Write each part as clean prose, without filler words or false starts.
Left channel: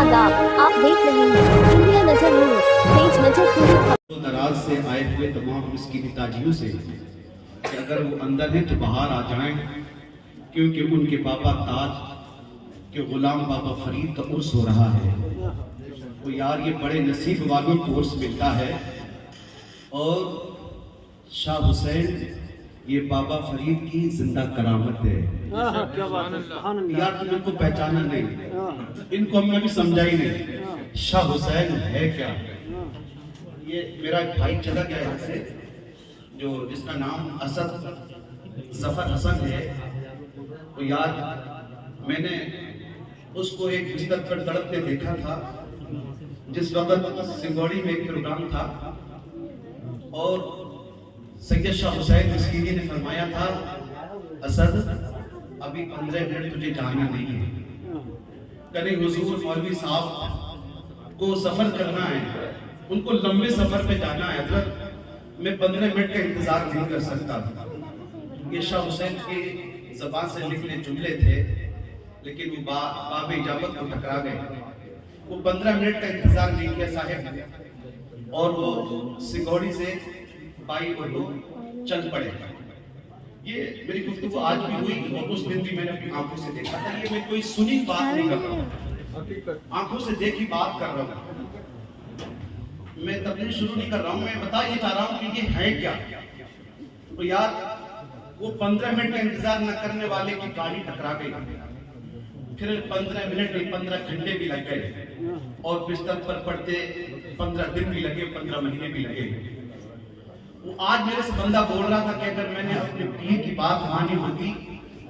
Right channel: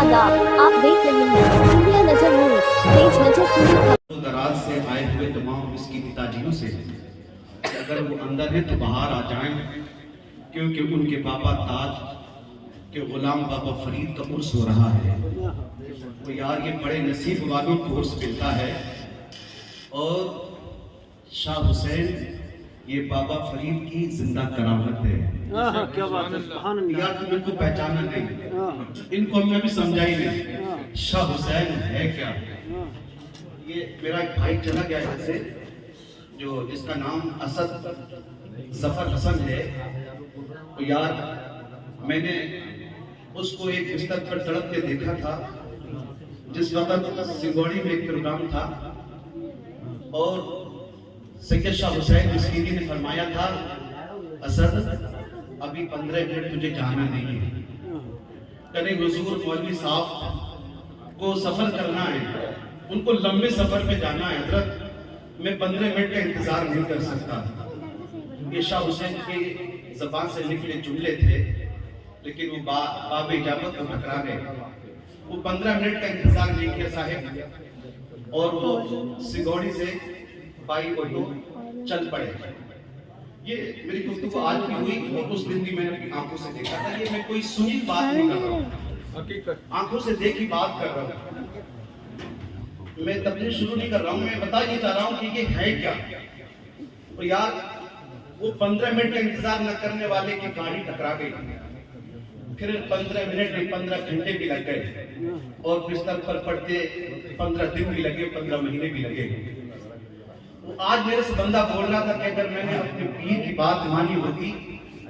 आदाब, आप देख रहे हैं इंडिया नजर न्यूज, तेज नजर पूरी खबर। दराज से आए हुए तमाम इसकी ताजियों से कि अगर वो अंदर है तो बाहर आ जाएं, क्योंकि उनके बाबा ताज के गुलाम बाबा फरीद का उर्स हो रहा है। वो यार ये बड़े नसीब वालों को उर्स मिलता है। और शाह हुसैन ये बाबा फरीद की जिंदा करामत है। क्या बात है। यार तुम इनको पहचाना नहीं, इनको हमने अभी समझा ही नहीं शाह हुसैन है क्या। ये मेरा एक भाई चला गया यहाँ से, जो जिसका नाम असद जफर हसन है। तो यार मैंने उसको एक बिस्तर पर तड़पते देखा था जिस वक्त सिंगौड़ी में एक प्रोग्राम था, और सैयद शाह हुसैन मिस्कीनी ने फरमाया था, असद अभी 15 मिनट तुझे जाना नहीं है, कभी हुजूर मौलवी साहब को सफर करना है, उनको लंबे सफर पे जाना है हजरत, मैं 15 मिनट का इंतजार नहीं कर सकता। ये शाह हुसैन की जबान से निकले जुमले थे, लेकिन वो बाब इजाबत को टकरा गए। वो 15 मिनट का इंतजार नहीं किया साहिब, और वो सिगौड़ी से बाई ऑटो चल पड़े। ये मेरी गुफ्तगू आज भी हुई और उस दिन भी मैंने अपनी आंखों से देखा था। ये मैं कोई सुनी बात नहीं कर रहा हूँ, आंखों से देखी बात कर रहा हूँ। मैं तबलीग शुरू नहीं कर रहा हूँ, मैं बता ये चाह रहा हूँ कि ये है क्या। तो यार वो 15 मिनट का इंतजार न करने वाले की गाड़ी टकरा गई, फिर 15 मिनट में 15 घंटे भी लग गए, और बिस्तर पर पड़ते 15 दिन भी लगे, 15 महीने भी लगे। वो आज मेरे से बंदा बोल रहा था कि अगर मैंने अपने पीर की बात मानी होती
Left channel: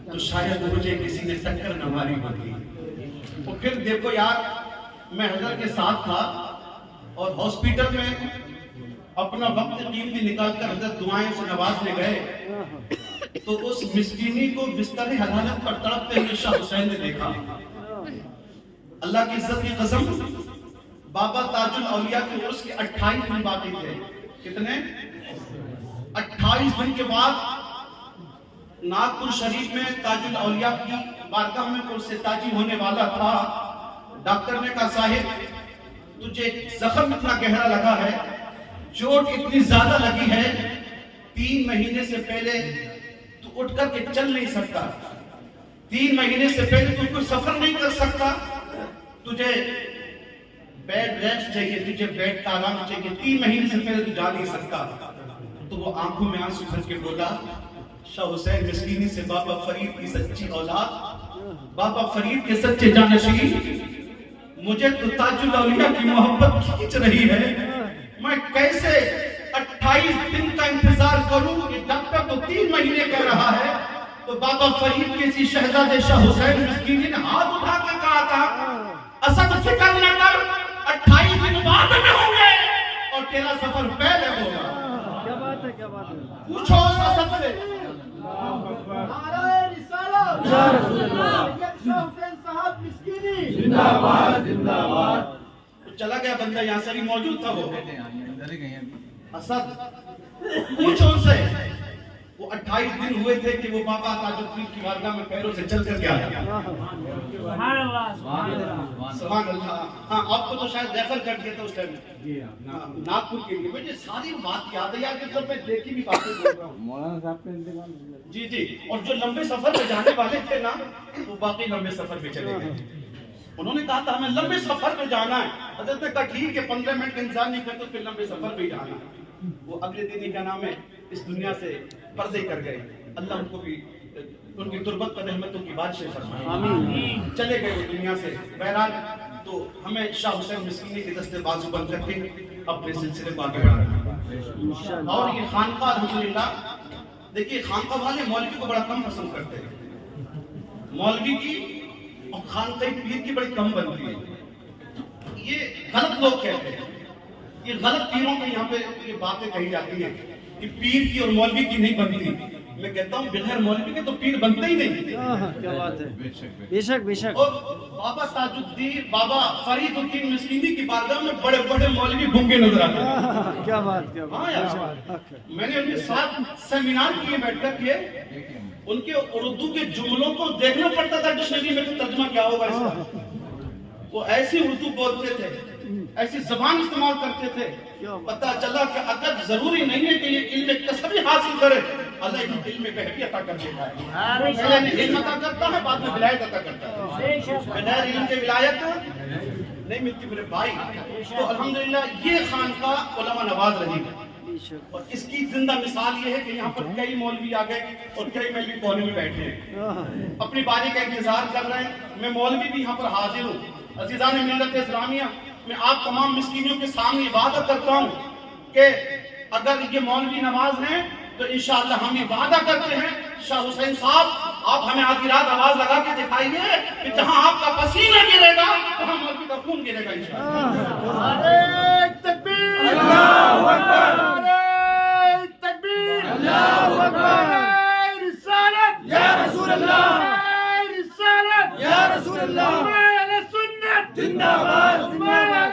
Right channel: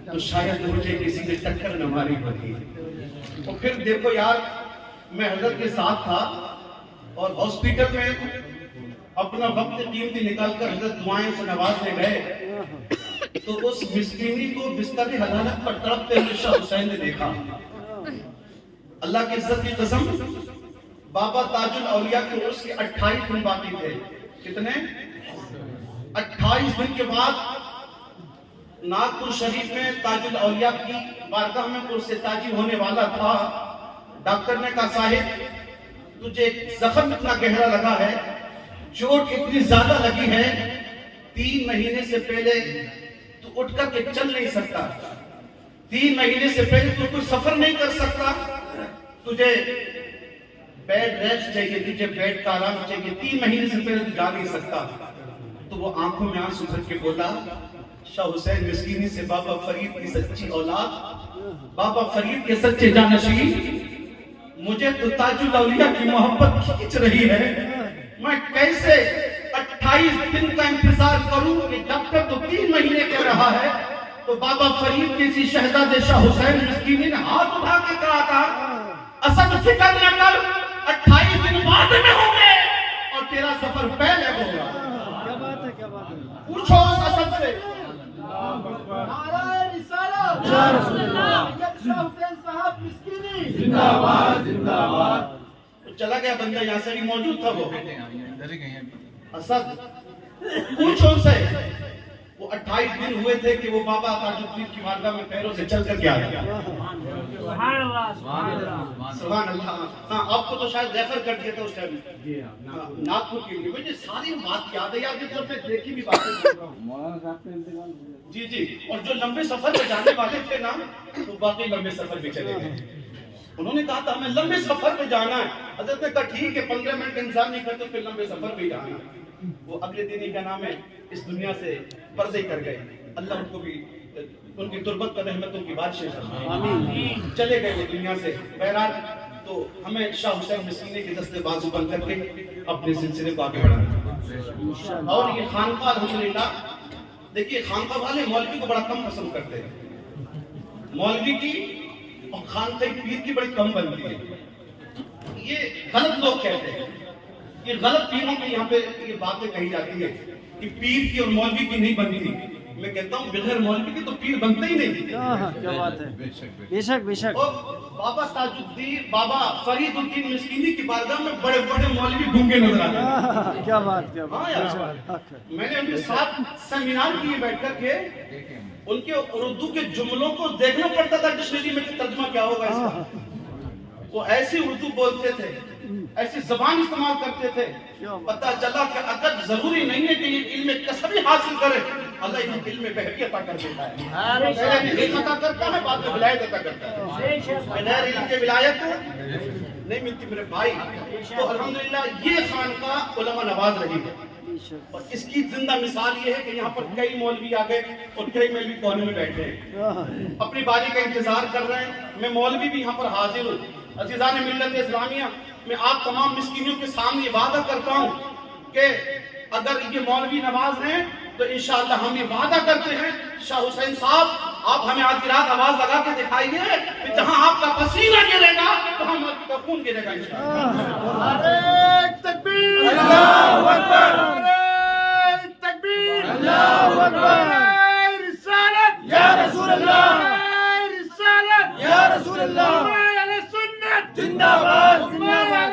तो शायद मुझे किसी ने टक्कर न मारी होती। और फिर देखो यार, मैं हजरत के साथ था और हॉस्पिटल में अपना वक्त कीमती निकाल कर हजरत दुआएं से नवाजने गए, तो उस मिस्कीनी को बिस्तर हलालत पर तड़पते हुए शाह हुसैन ने देखा। अल्लाह की इज्जत की कसम, बाबा ताजुल औलिया के उर्स के 28 दिन बाकी थे। कितने? 28 दिन के बाद नागपुर शरीफ में ताजुल औलिया की बारगाह में उर्स ताजी होने वाला था। डॉक्टर ने कहा, साहिब तुझे जख्म इतना गहरा लगा है, चोट इतनी ज्यादा लगी है, 3 महीने से पहले तू उठ कर के चल नहीं सकता, 3 महीने से पहले तू कोई सफर नहीं कर सकता, तुझे बेड रेस्ट चाहिए, तुझे बेड का आराम चाहिए, 3 महीने से पहले तू जा नहीं सकता। तो वो आंखों में आंसू भर के बोला, शाह हुसैन मिस्कीनी से बाबा फरीद की सच्ची औलाद, बाबा फरीद के सच्चे जानशीन, मुझे तो ताजुल औलिया की मोहब्बत खींच रही है, मैं कैसे 28 दिन का इंतजार करूं। डॉक्टर तो 3 महीने कह रहा है। तो बाबा फरीद किसी शहजादे शाह हुसैन मिस्कीनी ने हाथ उठा के कहा था, असद फिक्र न कर, 28 दिन बाद में होंगे और तेरा सफर पहले होगा। क्या बात है, क्या बात है। पूछो उस असद से। या रसूल अल्लाह, शाह हुसैन साहब मिस्कीनी जिंदाबाद जिंदाबाद। तो चला गया बंदा, यहाँ से भी मौजूद था वो असद। पूछो उनसे, वो 28 दिन हुए थे कि वो बाबा ताजुद्दीन की बारगाह में पैरों से चल कर के आया। सुभान अल्लाह। हाँ, आपको तो शायद रेफर कर दिया था उस टाइम नागपुर के लिए। मुझे सारी बात याद है यार, कि सब मैं देखी भी बातें बोल रहा हूँ। जी जी। और जो लंबे सफर पे जाने वाले थे ना, तो बाकी लंबे सफर पे चले गए। उन्होंने कहा था हमें लंबे सफर पे जाना है। हजरत ने कहा ठीक है, 15 मिनट का इंतजार नहीं करते, फिर लंबे सफर पे जाना। वो अगले दिन ही क्या नाम है, इस दुनिया से पर्दे कर गए। अल्लाह उनको भी उनकी तुरबत पर रहमतों की बारिश फरमाए, आमीन। चले गए वो दुनिया से। बहरहाल तो हमें शाह हुसैन मिस्कीनी के दस्ते बाजू बंद करके अपने सिलसिले को आगे बढ़ाना। और ये खानका अल्हम्दुलिल्लाह, देखिए खानका वाले मौलवी को बड़ा कम पसंद करते हैं। मौलवी की और खानका पीर की बड़ी कम बनती है। ये गलत लोग कहते हैं, ये गलत पीरों के यहाँ पे ये बातें कही जाती है कि पीर की और मौलवी की नहीं बनती। मैं कहता हूँ बगैर मौलवी के तो पीर बनते ही नहीं। क्या बात है। बेशक बेशक। और बाबा ताजुद्दीन, बाबा फरीदुद्दीन मिस्कीनी की बारगाह में बड़े बड़े मौलवी गूंगे नजर आते हैं। क्या बात, क्या बात। हाँ यार, मैंने उनके साथ सेमिनार किए बैठकर के, उनके उर्दू के जुमलों को देखना पड़ता था डिक्शनरी में कि तर्जुमा क्या होगा इसका। वो ऐसी उर्दू बोलते थे, ऐसी जबान इस्तेमाल करते थे, पता चला कि अगर जरूरी नहीं है कि ये इल्म कसबी हासिल करे, अल्लाह इन्हें इल्म बहरी अता कर देता है। पहले इल्म अता करता है, बाद में विलायत अता करता है। बगैर इल्म के विलायत नहीं मिलती मेरे भाई। तो अल्हम्दुलिल्लाह ये खानकाह उलमा नवाज रही है, और इसकी जिंदा मिसाल ये है कि यहाँ पर कई मौलवी आ गए और कई मौलवी कोने में बैठे हैं, अपनी बारी का इंतजार कर रहे हैं। मैं मौलवी भी यहाँ पर हाजिर हूँ। अज़ीज़ान मिल्लत इस्लामिया, मैं आप तमाम मिस्कीनियों के सामने ये वादा करता हूँ कि अगर ये मौलवी नवाज हैं तो इंशाअल्लाह हम ये वादा करते हैं, शाह हुसैन साहब आप हमें आधी रात आवाज लगा के दिखाइए कि जहाँ आपका पसीना गिरेगा वहाँ मौलवी का खून गिरेगा इंशाअल्लाह। तकबीर, अल्लाहू अकबर, तकबीर, अल्लाहू अकबर, रिसालत या रसूल अल्लाह, रिसालत या रसूल अल्लाह, जिंदाबाद जिंदाबाद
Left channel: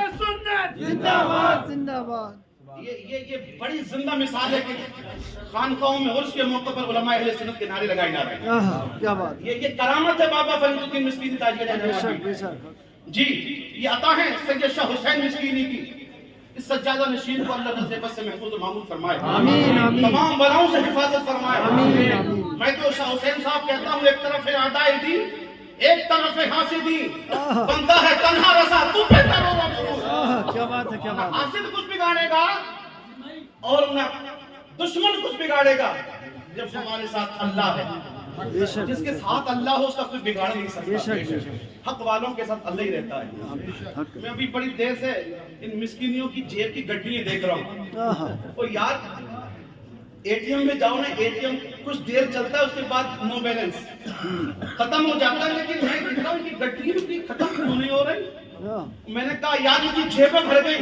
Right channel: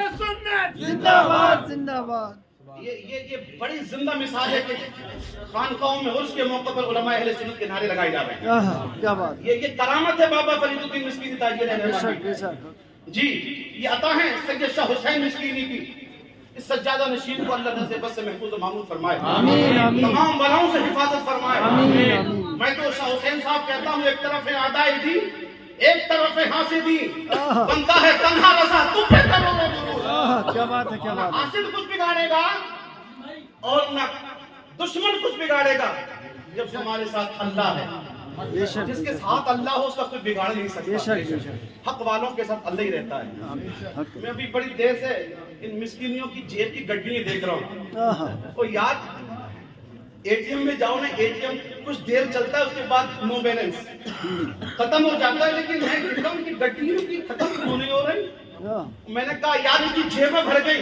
जिंदाबाद जिंदाबाद। ये बड़ी जिंदा मिसाल है कि खानकाहों में उर्स के मौके पर उलमा अहले सुन्नत के नारे लगाए जा रहे हैं। क्या बात, ये करामत है बाबा फरीदुद्दीन मिस्कीनी ताजदार बेशक बेशक जी। ये अता है सैयद शाह हुसैन मिस्कीनी की। इस सज्जादा नशीन को अल्लाह नज़र बस से महफूज और मामून फरमाए, आमीन आमीन, तमाम बलाओं से हिफाजत फरमाए, आमीन आमीन। मैं तो शाह हुसैन साहब कहता हूँ, एक तरफ है आदाए दी, एक तरफ है हासिदी, बंदा है तन्हा रसा तुम पे करोड़ों दुरूद। क्या बात है, क्या बात है। हासिद कुछ बिगाड़ेगा और न दुश्मन कुछ बिगाड़ेगा जब हमारे साथ अल्लाह है। बेशक जिसके साथ अल्लाह हो उसका कुछ बिगाड़ नहीं सकता। बेशक बेशक, हक वालों के साथ अल्लाह ही रहता है। हक मैं अभी बड़ी देर से इन मिस्किनियों की जेब की गड्डियां देख रहा हूँ। और यार एटीएम में जाओ ना, एटीएम कुछ देर चलता है, उसके बाद नो बैलेंस खत्म हो जाता है, लेकिन मैं देख रहा हूँ कि गड्डियों की खत्म क्यों नहीं हो रही। मैंने कहा यार इनकी जेबें भर गई,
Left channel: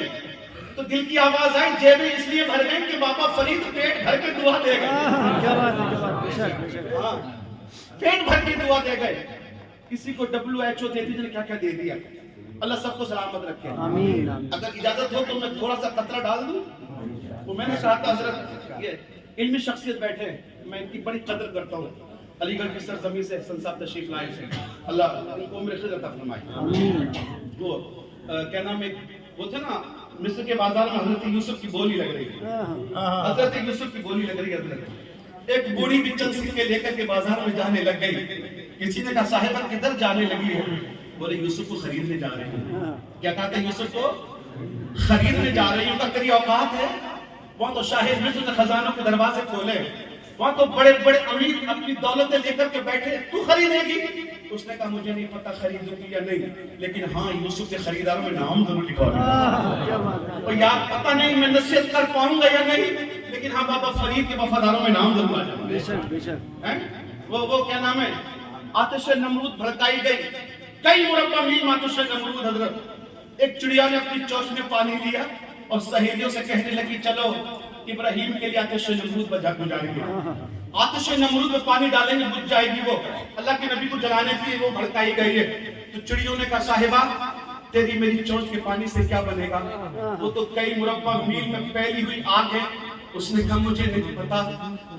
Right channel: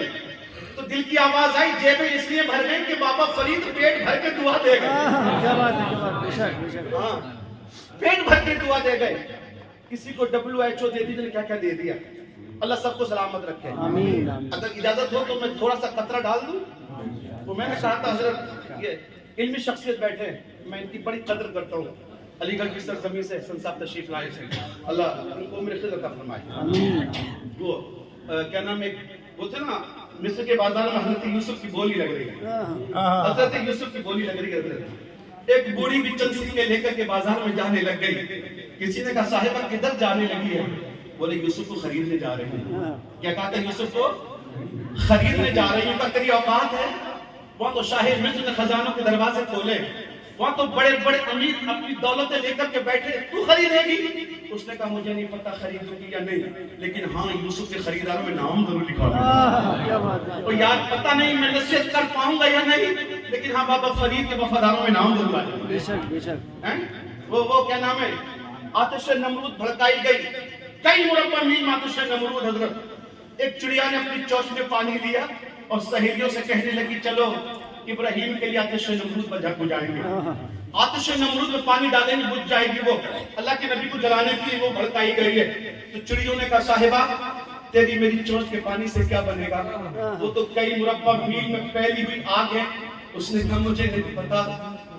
तो दिल की आवाज आई जेबें इसलिए भर गई कि बाबा फरीद पेट भर के दुआ दे गए। क्या बात है, क्या बात, बेशक बेशक। हाँ, पेट भर के दुआ दे गए। किसी को WHO दे दी, क्या क्या दे दिया। अल्लाह सबको सलामत रखे, आमीन आमीन। अगर इजाजत हो तो मैं थोड़ा सा कतरा डाल दूं। तो मैंने कहा था हजरत ये इल्मी शख्सियत बैठे, मैं इनकी बड़ी कदर करता हूँ। अलीगढ़ की सरजमीन से हसन साहब तशरीफ लाए थे, अल्लाह उनको उम्र खिज़र अता फरमाए। आमीन। वो क्या नाम है, वो थे ना मिस्र के बाजार में हजरत यूसुफ की बोली लग रही है, हजरत यूसुफ की बोली लग रही है। एक बूढ़ी भी चंद सिक्के लेकर के बाजार में जाने लग गई। किसी ने कहा साहिबा किधर जाने लगी है? बोले यूसुफ को खरीदने जा रहे हैं। क्या कहा था? यूसुफ को खरीदने जा रही हूँ। तेरी औकात है? वहाँ तो शाहिद मिस्र ने खजानों के दरवाजे खोले, वहाँ तो बड़े बड़े अमीर अपनी दौलतें लेकर के बैठे, तू खरीदेगी? उसने कहा मुझे नहीं पता खरीदूंगी या नहीं, लेकिन हाँ यूसुफ के खरीदारों में नाम जरूर लिखा है। और यार पता नहीं मैं नसीहत कर पाऊंगा या नहीं, लेकिन हाँ बाबा फरीद के वफादारों में नाम जरूर आ जाए। बेशक बेशक। वो क्या नाम है, आतिश नमरूद भड़काई गई, कई मुरब्बा मील आतिश नमरूद हजरत। एक चिड़िया ने अपनी चोंच में पानी लिया और सहेलियों से कहने लगी चलो इब्राहिम के लिए आतिश नमरूद बुझाएंगे, आतिश नमरूद में पानी डालेंगे बुझ जाएगी। वो अल्लाह के नबी को जलाने के लिए वो भड़काई गई है। तो चिड़ियों ने कहा साहिबा तेरी मेरी चोंच के पानी से क्या बनेगा? वो तो कई मुरब्बा मील में फैली हुई आग है। उसने कहा मुझे नहीं पता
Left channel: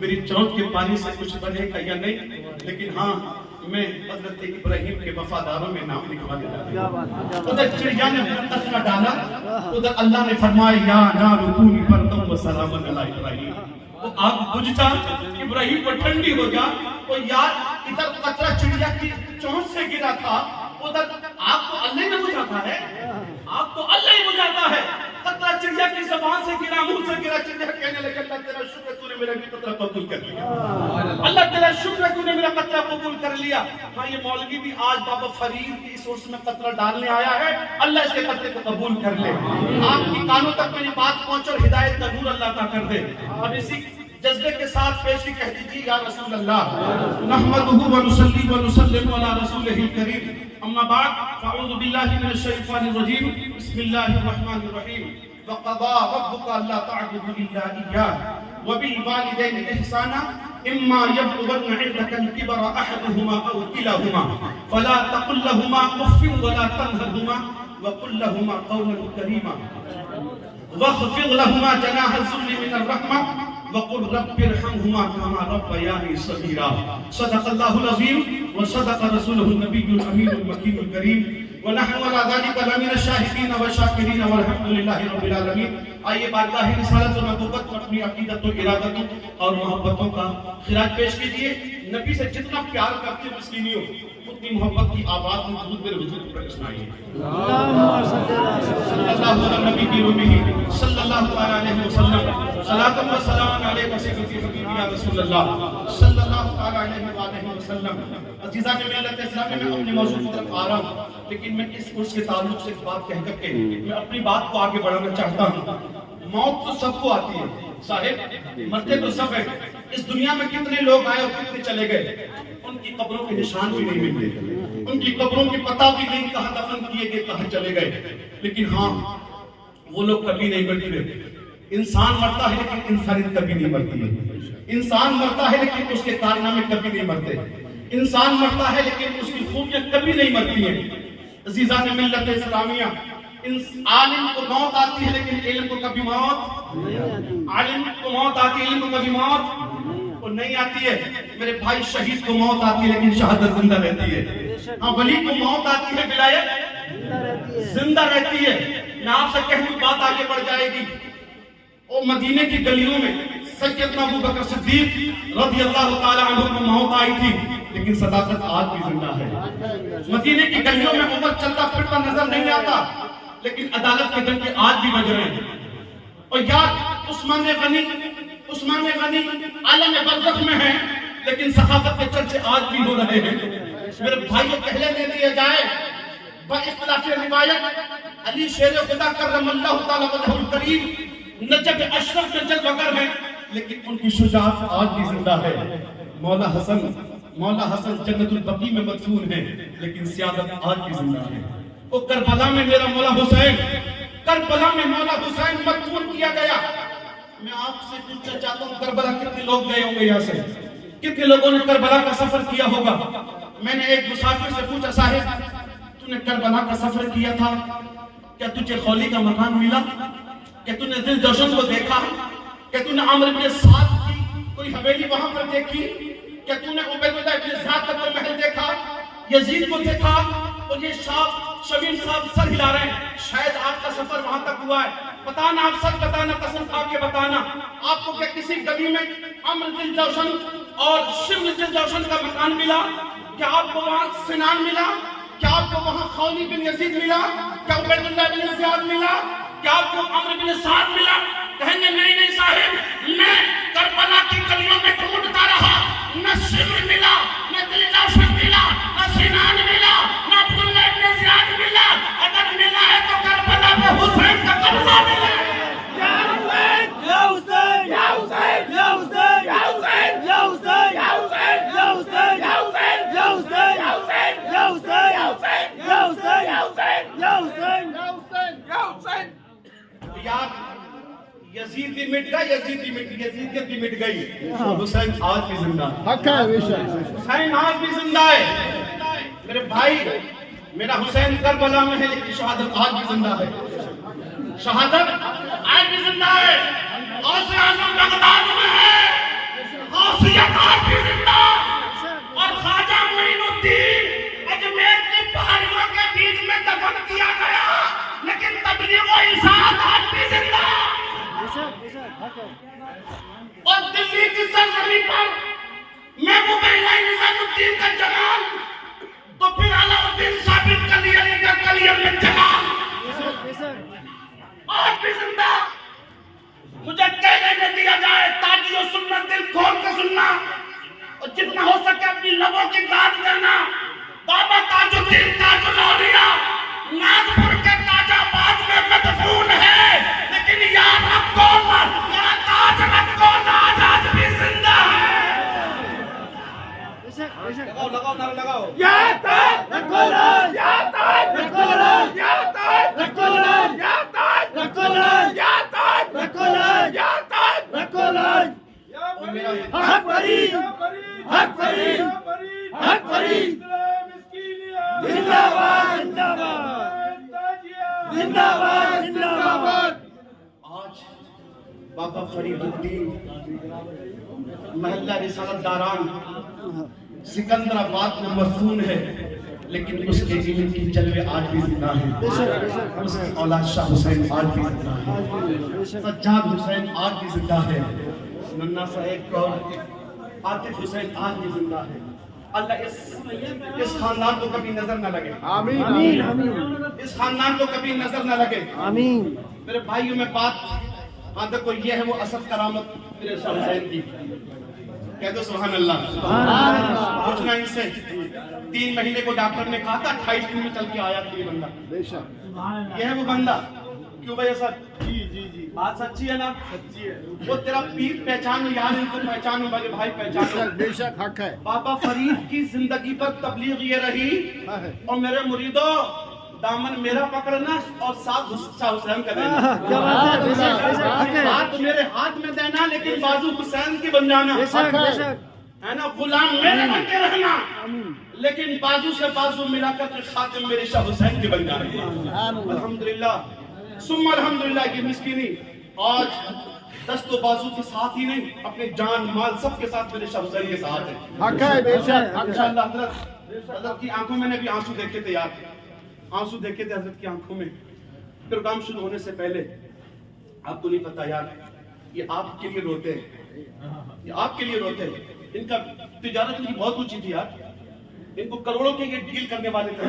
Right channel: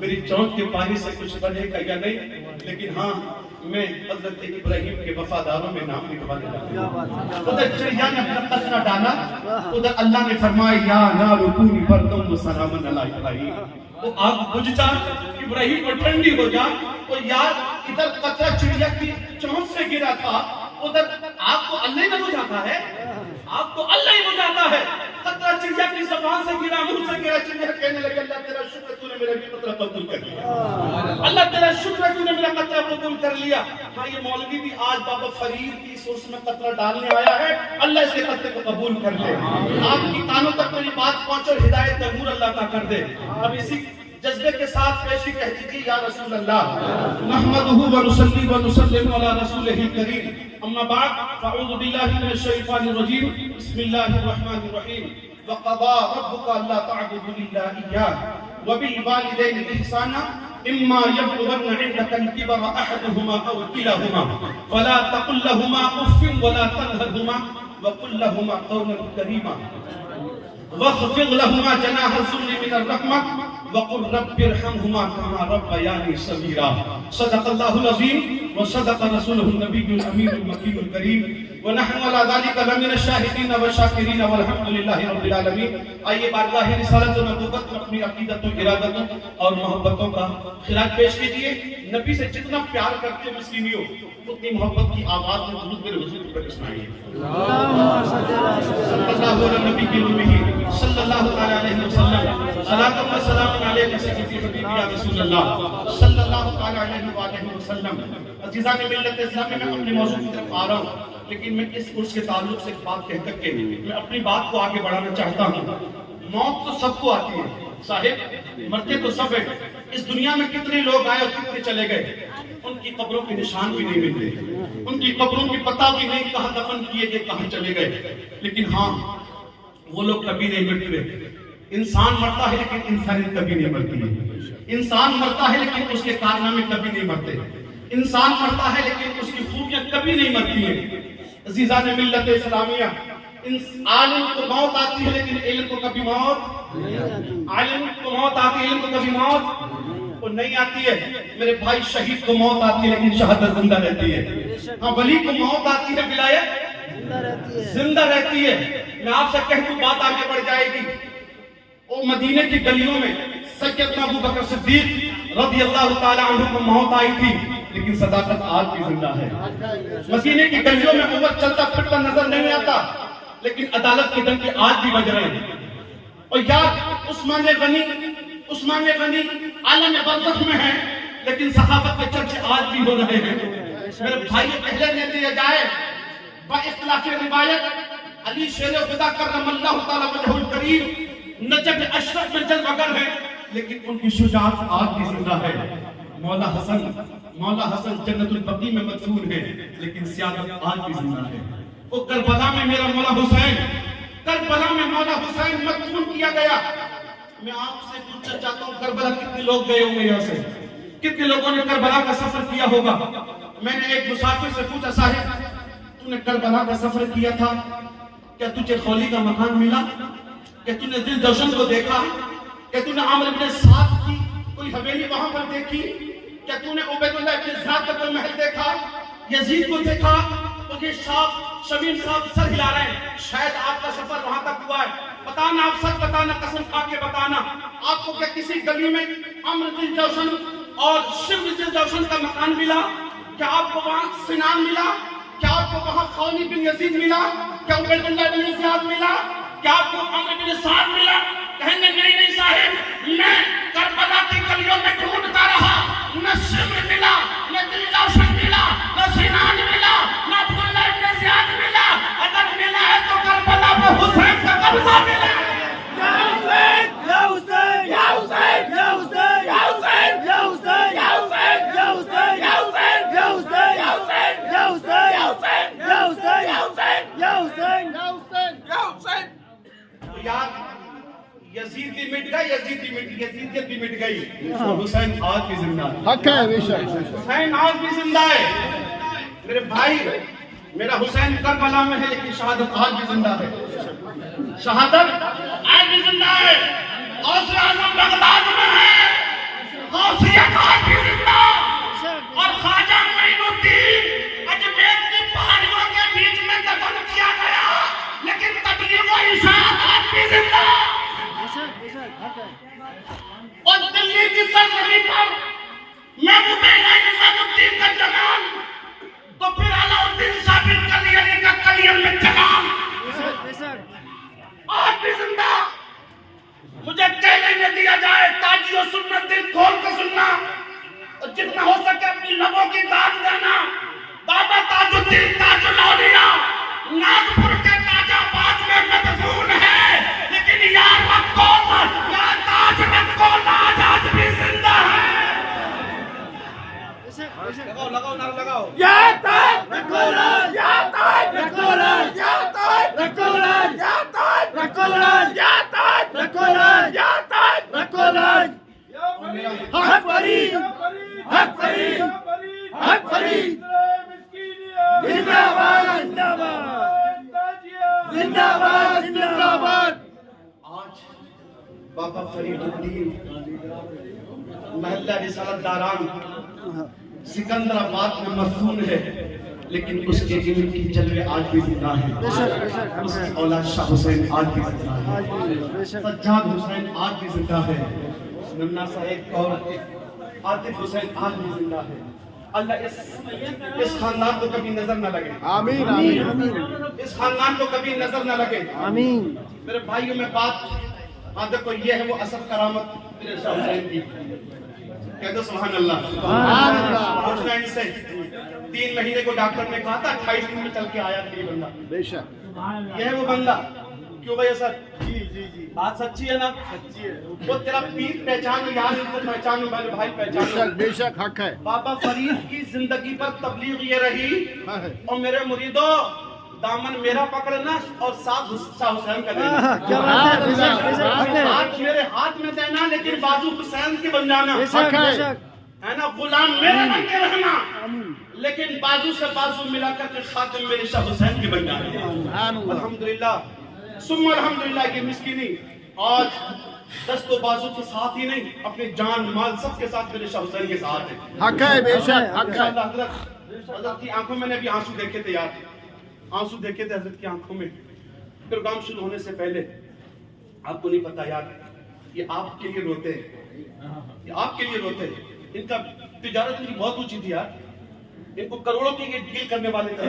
मेरी चोंच के पानी से कुछ बनेगा या नहीं, लेकिन हाँ मैं हजरत इब्राहिम के वफादारों में नाम लिखवाने लगा। उधर चिड़िया ने अपना कचरा डाला, उधर अल्लाह ने फरमाया या नारु कूनी बरदम व सलामन अला इब्राहिम। वो आग बुझ जा, इब्राहिम पर ठंडी हो जा। तो यार इधर कचरा चिड़िया की चोंच से गिरा था, उधर आग तो अल्लाह ही बुझाता है, आग तो अल्लाह ही बुझाता है। कतरा चिड़िया की ज़बान से गिरा, मुंह से गिरा। चिड़िया कहने लगी अल्लाह तेरा शुक्र तूने मेरा भी कतरा कबूल कर लिया, अल्लाह तेरा शुक्र तूने मेरा कतरा कबूल कर लिया। हाँ ये मौलवी भी आज बाबा फरीद की इस उर्स में कतरा डालने आया है, अल्लाह इसके कतरे को कबूल कर ले। आपकी कानों तक मेरी बात पहुंचे और हिदायत जरूर अल्लाह का कर दे। अब इसी जज्बे के साथ पेशी कह दीजिए या रसूल अल्लाह नहमदुहु व नुसल्ली व नुसल्लिमु अला रसूलिहिल करीम, अम्मा बाद फअऊज़ु बिल्लाहि मिनश शैतानिर रजीम, बिस्मिल्लाहिर रहमानिर रहीम। वक़ज़ा रब्बुका अल्ला तअबुदू इल्ला इय्याहु व बिल वालिदैनि इहसाना इम्मा यब्लुगन्ना इंदकल किबरा अहदुहुमा अव किलाहुमा फला तक़ुल लहुमा उफ़्फ़िन व ला तनहरहुमा व कुल लहुमा क़ौलन करीमा वख़फ़िज़ लहुमा जनाह ज़ुल्लि मिनर रहमह वक़ुल रब्बिरहमहुमा कमा रब्बयानी सगीरा। सदक़ल्लाहुल अज़ीम व सदक़ रसूलुहुन नबियुल अमीनुल मकीनुल करीम वनहनु अला ज़ालिका लमिन शाहिदीन व शाकिरीन वल्हम्दुलिल्लाहि रब्बिल आलमीन। आइए बारगाह रिसालत व नबुव्वत में अपनी अकीदत व इरादतों और मोहब्बतों का खिराज पेश कीजिए। नबी से जितना प्यार करते हो मस्कीनियों, उतनी मोहब्बत की आवाज में दुरूद मेरे हुजूर पर सुनाइए। सल्लल्लाहु अलैहि नबी की रूही सल्लल्लाहु अलैहि वसल्लम सलातो व सलाम अलैका सय्यदी हबीबी या रसूलल्लाह सल्लल्लाहु अलैहि वसल्लम। अजीज़ान मिल्लत इस्लाम में अपने मौजूद की तरफ आ रहा हूं, लेकिन मैं इस उर्स के ताल्लुक से एक बात कह करके मैं अपनी बात को आगे बढ़ाना चाहता हूं। मौत तो सबको आती है साहिब, मरते तो सब है। इस दुनिया में कितने लोग आए और कितने चले गए, उनकी कब्रों के निशान भी नहीं मिलते, उनकी कब्रों की पता भी नहीं कहां दफन किए गए, कहां चले गए। लेकिन हाँ, वो लोग कभी नहीं मरते। इंसान मरता है लेकिन इंसानियत कभी नहीं मरती है। इंसान मरता है लेकिन उसके कारनामे कभी नहीं मरते। इंसान मरता है लेकिन उसकी खूबियां कभी नहीं मरती हैं। अज़ीज़ान मिल्लत इस्लामिया, आलिम को मौत आती है लेकिन इल्म को कभी मौत, आलिम को मौत आती है, इल्म को कभी मौत को नहीं आती है। मेरे भाई, शहीद को मौत आती है लेकिन शहादत जिंदा रहती है। हाँ, वली को मौत आती है, विलायत जिंदा रहती है। मैं आपसे कहूं, बात आगे बढ़ जाएगी। ओ मदीने की गलियों में सैयदना अबू बकर सिद्दीक रज़ियल्लाहु ताला अन्हु को मौत आई थी, लेकिन सदाकत आज भी जिंदा है। मदीने की गलियों में उमर चलता फिरता नजर नहीं आता, लेकिन अदालत के डंके आज भी बज रहे हैं। और यार, उस्मान गनी आलम बरज़ख में है, लेकिन सहाबत के चर्चे आज भी हो रहे हैं। मेरे भाई, पहले दे दिया जाए बइख्तिलाफ़ रिवायत अली शेर खुदा करमल्लाहु ताला वजहुल करीम नजब अशरफ में जलवगर है, लेकिन उनकी शुजाअत आज भी जिंदा है। मौला हसन जन्नतुल बकी में मदफून है, लेकिन सियादत आज भी जिंदा है। वो करबला में मेरा मौला हुसैन, करबला में मौला हुसैन मदफून किया गया। मैं आपसे पूछना चाहता हूँ, करबला कितने लोग गए होंगे यहाँ से? कितने लोगों ने करबला का सफर किया होगा? मैंने एक मुसाफिर से पूछा, साहिब तूने करबला का सफर किया था, क्या तुझे खौली का मकान मिला? क्या तूने दिल जौशन को देखा? क्या तूने आमर इब्न साद की कोई हवेली वहां पर देखी? क्या तूने उबैदुल्लाह इब्न ज़ियाद का महल देखा? यजीद को देखा? और ये शमीम साहब सर हिला रहे हैं, शायद आपका सफर वहां तक हुआ है। बताना, आप सच बताना, कसम खा के बताना, आपको क्या किसी गली में अम्र दिल जौशन और शिव दिल जौशन का मकान मिला? क्या आपको वहां सिनान मिला? क्या आपको वहां खौली बिन यजीद मिला? क्या उबैदुल्लाह बिन ज़ियाद मिला? क्या आपको अम्र बिन साद मिला? कहेंगे नहीं साहिब, मैं करबला की गलियों में ढूंढता रहा, न शिव मिला, न दिल जौशन मिला, न सिनान मिला, न अब्दुल्लाह बिन ज़ियाद मिला। अगर मिला है तो करबला में हुसैन का कब्जा मिला है। या हुसैन, या हुसैन, या हुसैन, या हुसैन, या हुसैन, या हुसैन, या हुसैन, या हुसैन, या हुसैन, या हुसैन, या हुसैन, या हुसैन, या हुसैन, या हुसैन, या हुसैन, या हुसैन, या हुसैन। यार, यजीद भी मिट गई, यजीदियत भी मिट गई, हुसैन आज भी जिंदा है। हक है, बेशक हुसैन आज भी जिंदा है। मेरे भाई, मेरा हुसैन करबला में है, लेकिन शहादत आज भी जिंदा है। शहादत आज भी जिंदा है। गौसे आज़म बगदाद में है, गौसियत आज भी जिंदा। और ख्वाजा मोइनुद्दीन अजमेर की पहाड़ियों के बीच में दफन किया गया, लेकिन तबलीग व इरशाद आज भी जिंदा। और दिल्ली की सरजमीं पर महबूब निजामुद्दीन का जमाल, तो फिर अलाउद्दीन साबिर कलियरी का कलियर में जमाल आज भी जिंदा। मुझे चैलेंज दिया जाए, ताजियो सुन्नत दिल खोल कर सुनना, और जितना हो सके अपनी लबों की दाद देना। बाबा ताजुद्दीन ताजुल औलिया नागपुर के ताजाबाद में मदफून है, लेकिन यार रखो ना ताज रखो ना, आज भी जिंदा है। लगाओ नारा लगाओ। या ताज रखो ना, या ताज रखो ना, या ताज रखो ना, या ताज रखो ना, या ताज रखो ना, या ताज रखो ना। हक फरीद, हक फरीद, हक फरीद, जिंदाबाद जिंदाबाद जिंदाबाद जिंदाबाद। आज बाबा फरीदुद्दीन महल्ला रिसालत दारान सिकंदराबाद में मदफून है, लेकिन उसके इल्म की जलवे आज भी जिंदा है। उसकी औलाद शाह हुसैन आज भी जिंदा है, सज्जाद हुसैन आज भी जिंदा है, नन्ना साहेब और आतिफ हुसैन आज भी जिंदा है। अल्लाह इस खानदान को कभी नजर न लगे, आमीन आमीन। इस खानदान को कभी नजर न लगे, आमीन। मेरे भाइयों में बात, हाँ देखो ये है वो असद करामत मेरे शाह हुसैन की, कह दो सुभान अल्लाह। पूछना इनसे, 3 महीने को डॉक्टर ने कहा था 28 दिन में चल के आया था ये बंदा, बेशक ये है वो बंदा। क्यों भाई असद? जी जी जी, बात सच्ची है ना? सच्ची है। वो तेरा पीर पहचानो यार, इनको पहचानो मेरे भाई, पहचानो। बेशक हक है। बाबा फरीद की जिंदगी पर तबलीग ये रही, और मेरे मुरीदों दामन मेरा पकड़ना और साथ शाह हुसैन का देना। क्या बात है, बेशक बेशक हक है, हाथ मेरे हाथ में देना, लेकिन बाजू हुसैन की बन जाना, बेशक बेशक है ना। गुलाम मेरे बन के रहना, लेकिन बाजू से बाजू मिलाकर के खातिम मेरे शाह हुसैन की बन जाना। अल्हम्दुलिल्लाह सुम्मा अल्हम्दुलिल्लाह। ये मिस्कीनी आज दस्तो बाजू के साथ ही नहीं, अपने जान माल सबके साथ मेरे शाह हुसैन के साथ है। हक है, बेशक हक है। हजरत की आंखों में अभी आंसू देखे थे यार, आंसू देखे थे हजरत की आंखों में। प्रोग्राम शुरू होने से पहले, आपको नहीं पता यार, ये आपके लिए रोते हैं, ये आपके लिए रोते हैं। इनका तिजारत इनकी बहुत ऊंची थी यार, इनको करोड़ों के ये डील करने वाले थे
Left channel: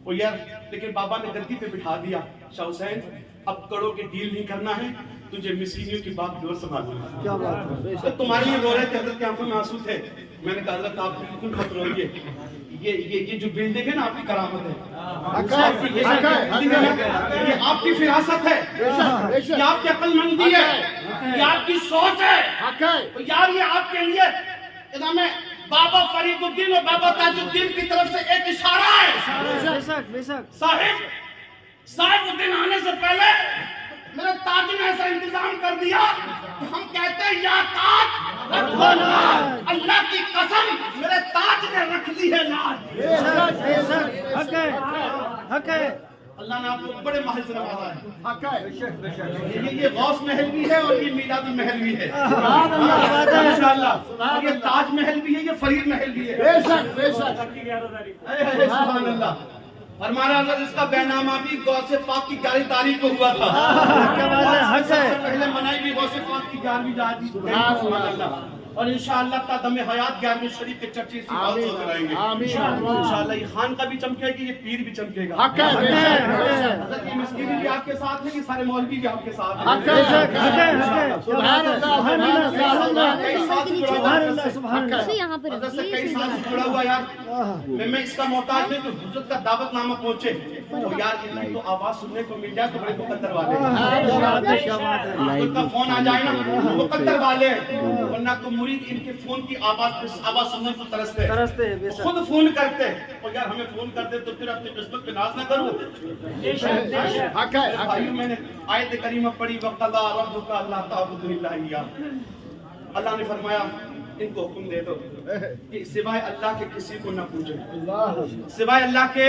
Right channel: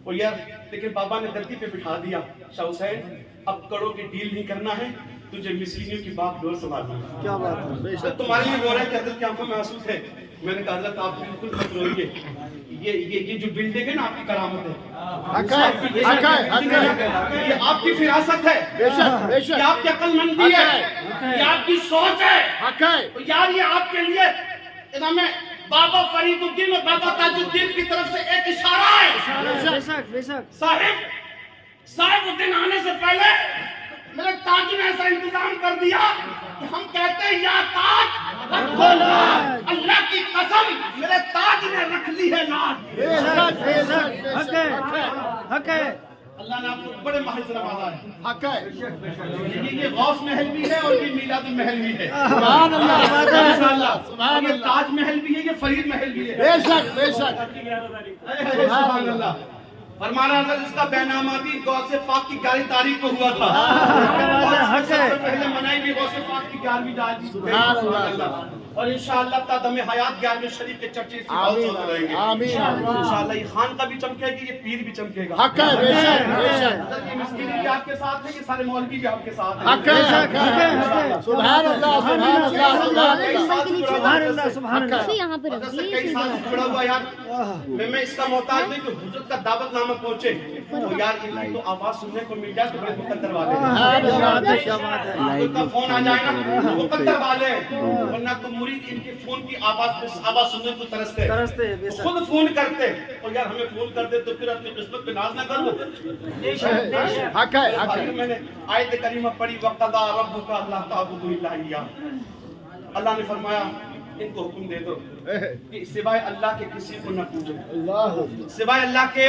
वो यार, लेकिन बाबा ने गद्दी पे बिठा दिया, शाह हुसैन अब करोड़ों के डील नहीं करना है, तुझे मिस्कीनियों की बात डोर संभालना। क्या बात है, तो तुम्हारे लिए रो रहे थे, हजरत की आंखों में आंसू थे। मैंने कहा हजरत आप बिल्कुल मत रोइए, ये जो बिल्डिंग है ना आपकी करामत है, हक है, हक है। ये आपकी फिरासत है, ये आपकी अक्लमंदी है, ये आपकी सोच है, हक है। तो यार ये आपके लिए इनाम बाबा फरीदुद्दीन और बाबा ताजुद्दीन की तरफ से एक इशारा है। बेशक बेशक साहिब उद्दीन आने से पहले मेरे ताज ने ऐसा इंतजाम कर दिया कि हम कहते हैं या ताज रखो लाज। अल्लाह की कसम मेरे ताज ने रख ली है लाज। बेशक बेशक हक है, हक है। अल्लाह ने आपको बड़े महल से नवाजा है। हक है। ये गौस महल भी है और ये मीलादी महल भी है इंशाअल्लाह, और ये ताज महल भी है, ये फरीद महल भी है। बेशक बेशक। सुभान अल्लाह। फरमाना अगर इसका बैनामा भी गौसे पाक की 11 तारीख को हुआ था, क्या बात है, हक है। सबसे पहले मनाई भी गौसे पाक की 11वीं जाती सुभान अल्लाह। और इंशाअल्लाह तादमे हयात 11वें शरीफ के चर्चे इसी बात से होते रहेंगे। आमीन। इंशाअल्लाह ये खान का भी चमकेगी, ये पीर भी चमकेगा। हक है, बेशक हजरत ये मिस्कीनी भी आपके साथ है, ये सारे मौलवी भी आपके साथ हैं। हक है, बेशक हक है, हक है। सुभान अल्लाह, सुभान अल्लाह। सुभान अल्लाह। इसे यहाँ पे हजरत से रखिए, कई इसे साल यहाँ से पे जुड़ा हुआ यार, मैं इसका मोहताज नहीं कि हुजूर का दावतनामा पहुंचे तो यार इनकी तो आवाज सुनने को मिल जाए तो बड़े मुकद्दर वाले हैं। क्या बात है, क्या बात है। उनका फोन आ जाए ना मुकद्दर वाले, वरना तो मुरीद इनके फोन की आवाज सुनने को तरसते हैं, बेशक। खुद फोन करते और यार हमें फोन कर दे तो फिर अपनी किस्मत पे नाज ना करूं। हक है, हक भाइयों है। मैंने आयत करीमा पढ़ी, वक़दा रब्बुका अल्लाह ताबुदु इल्ला इय्याह। अल्लाह ने फरमाया इनको हुक्म दे दो कि सिवाय अल्लाह के किसी को न पूजे, सिवाय अल्लाह के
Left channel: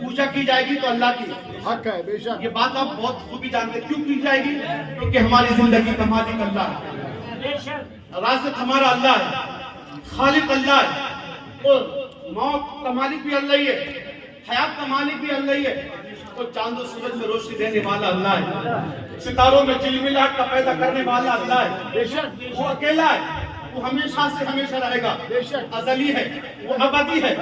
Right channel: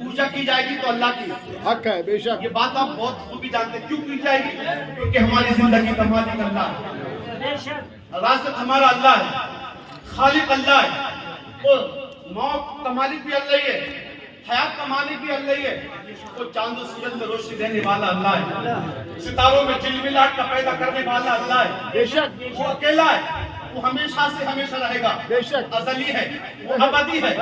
पूजा की जाएगी तो अल्लाह की। हक है, बेशक। ये बात आप बहुत खूबी जानते हैं, क्यों की जाएगी? क्योंकि हमारी जिंदगी का मालिक अल्लाह है, राज़िक़ हमारा अल्लाह है, खालिक अल्लाह है, और मौत का मालिक भी अल्लाह ही है, हयात का मालिक भी अल्लाह ही है, और चांद और सूरज में रोशनी देने वाला अल्लाह है, सितारों में चिलमिलाहट का पैदा करने वाला अल्लाह है। बेशक वो अकेला है, वो हमेशा से हमेशा रहेगा, बेशक। अज़ली है, वो अबदी है,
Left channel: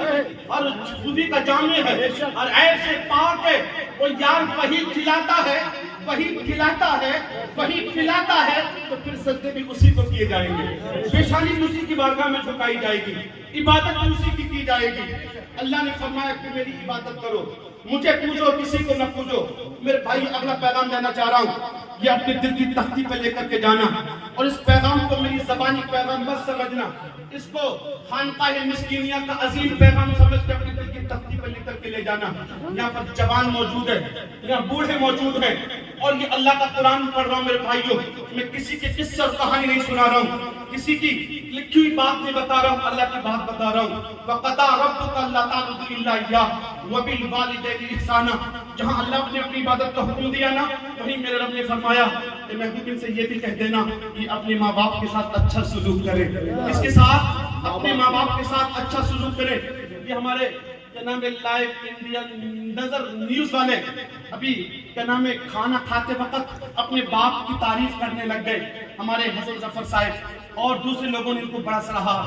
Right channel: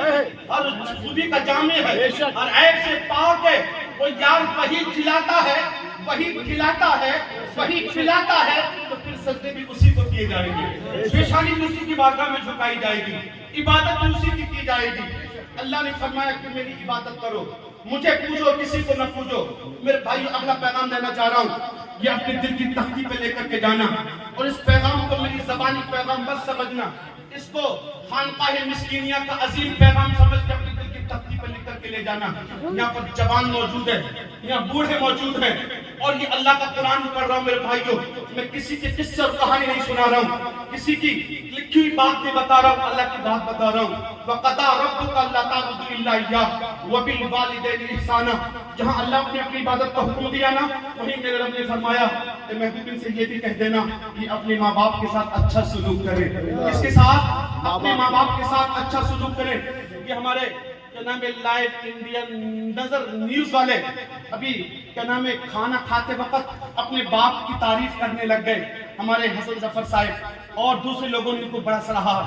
हर खूबी का जामे है, बेशक। हर ऐब से पाक है। वो यार वही खिलाता है, वही खिलाता है, वही खिलाता है, तो फिर सजदे भी उसी को किए जाएंगे, पेशानी भी उसी की बारगाह में झुकाई जाएगी, इबादत भी उसी की जाएगी। अल्लाह ने फरमाया कि मेरी इबादत करो, मुझे पूजो, किसी को न पूजो। मेरे भाई अगला पैगाम देना चाह रहा हूँ, ये अपने दिल की तख्ती पे लेकर के जाना, और इस पैगाम को मेरी ज़बानी पैगाम बस समझना, इसको खानकाह मिस्कीनिया का अजीम पैगाम समझ के अपने दिल की तख्ती पे लेकर के ले जाना। यहाँ पर जवान मौजूद है, यहाँ बूढ़े मौजूद हैं, और ये अल्लाह का कुरान पढ़ रहा हूँ मेरे भाइयों। मैं किसी के किस्से और कहानी नहीं सुना रहा हूँ, किसी की लिखी हुई बात नहीं बता रहा हूँ, अल्लाह की बात बता रहा हूँ। वक़दा रब्बुका अल्ला ताबुदु इल्ला इय्याह व बिल वालिदैनि इहसाना। जहाँ अल्लाह ने अपनी इबादत का हुक्म दिया ना, वहीं मेरे रब ने फरमाया कि महबूब से ये भी कह देना कि अपने माँ बाप के साथ अच्छा सलूक करें। इसके साथ अपने माँ बाप के साथ अच्छा सलूक करें। ये हमारे क्या नाम है लाइव इंडियन नजर न्यूज वाले अभी क्या नाम है खाना खाते वक्त अपने बाप की तारीफ करने लग गए, हमारे हसन जफर साहब और दूसरे लोगों ने इनको बड़ा सराहा।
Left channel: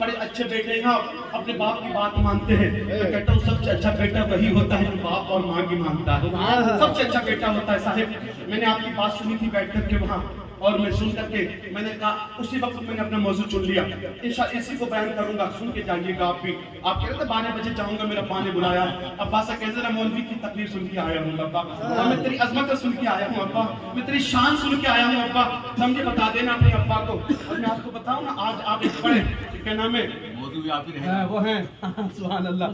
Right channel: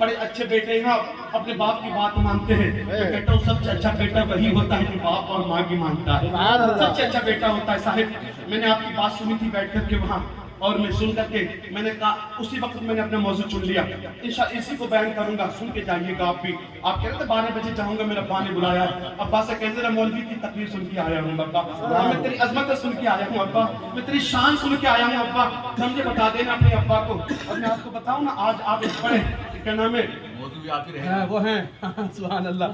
बड़े अच्छे बेटे हैं, अपने बाप की बात मानते हैं। मैं कहता हूँ सबसे अच्छा बेटा वही होता है जो बाप और माँ की मानता है, सबसे अच्छा बेटा होता है। साहिब मैंने आपकी बात सुनी थी बैठ करके वहाँ, और मैं सुन करके मैंने कहा उसी वक्त मैंने अपना मौजू चुन लिया, इंशाल्लाह इसी को बयान करूंगा, सुन के जाइएगा आप भी। आप कह रहे थे 12 बजे जाऊंगा, मेरा अब्बा ने बुलाया। अब्बा से कह जरा मौलवी की तकरीर सुन के आया हूँ अब्बा, और मैं तेरी अजमत सुन के आया हूँ अब्बा, मैं तेरी शान सुन के आया हूँ अब्बा, समझे बता देना अपने अब्बा को। और मैं आपको बताऊँ ना, आज आप एक पढ़े क्या नाम है वो है सुभान अल्लाह,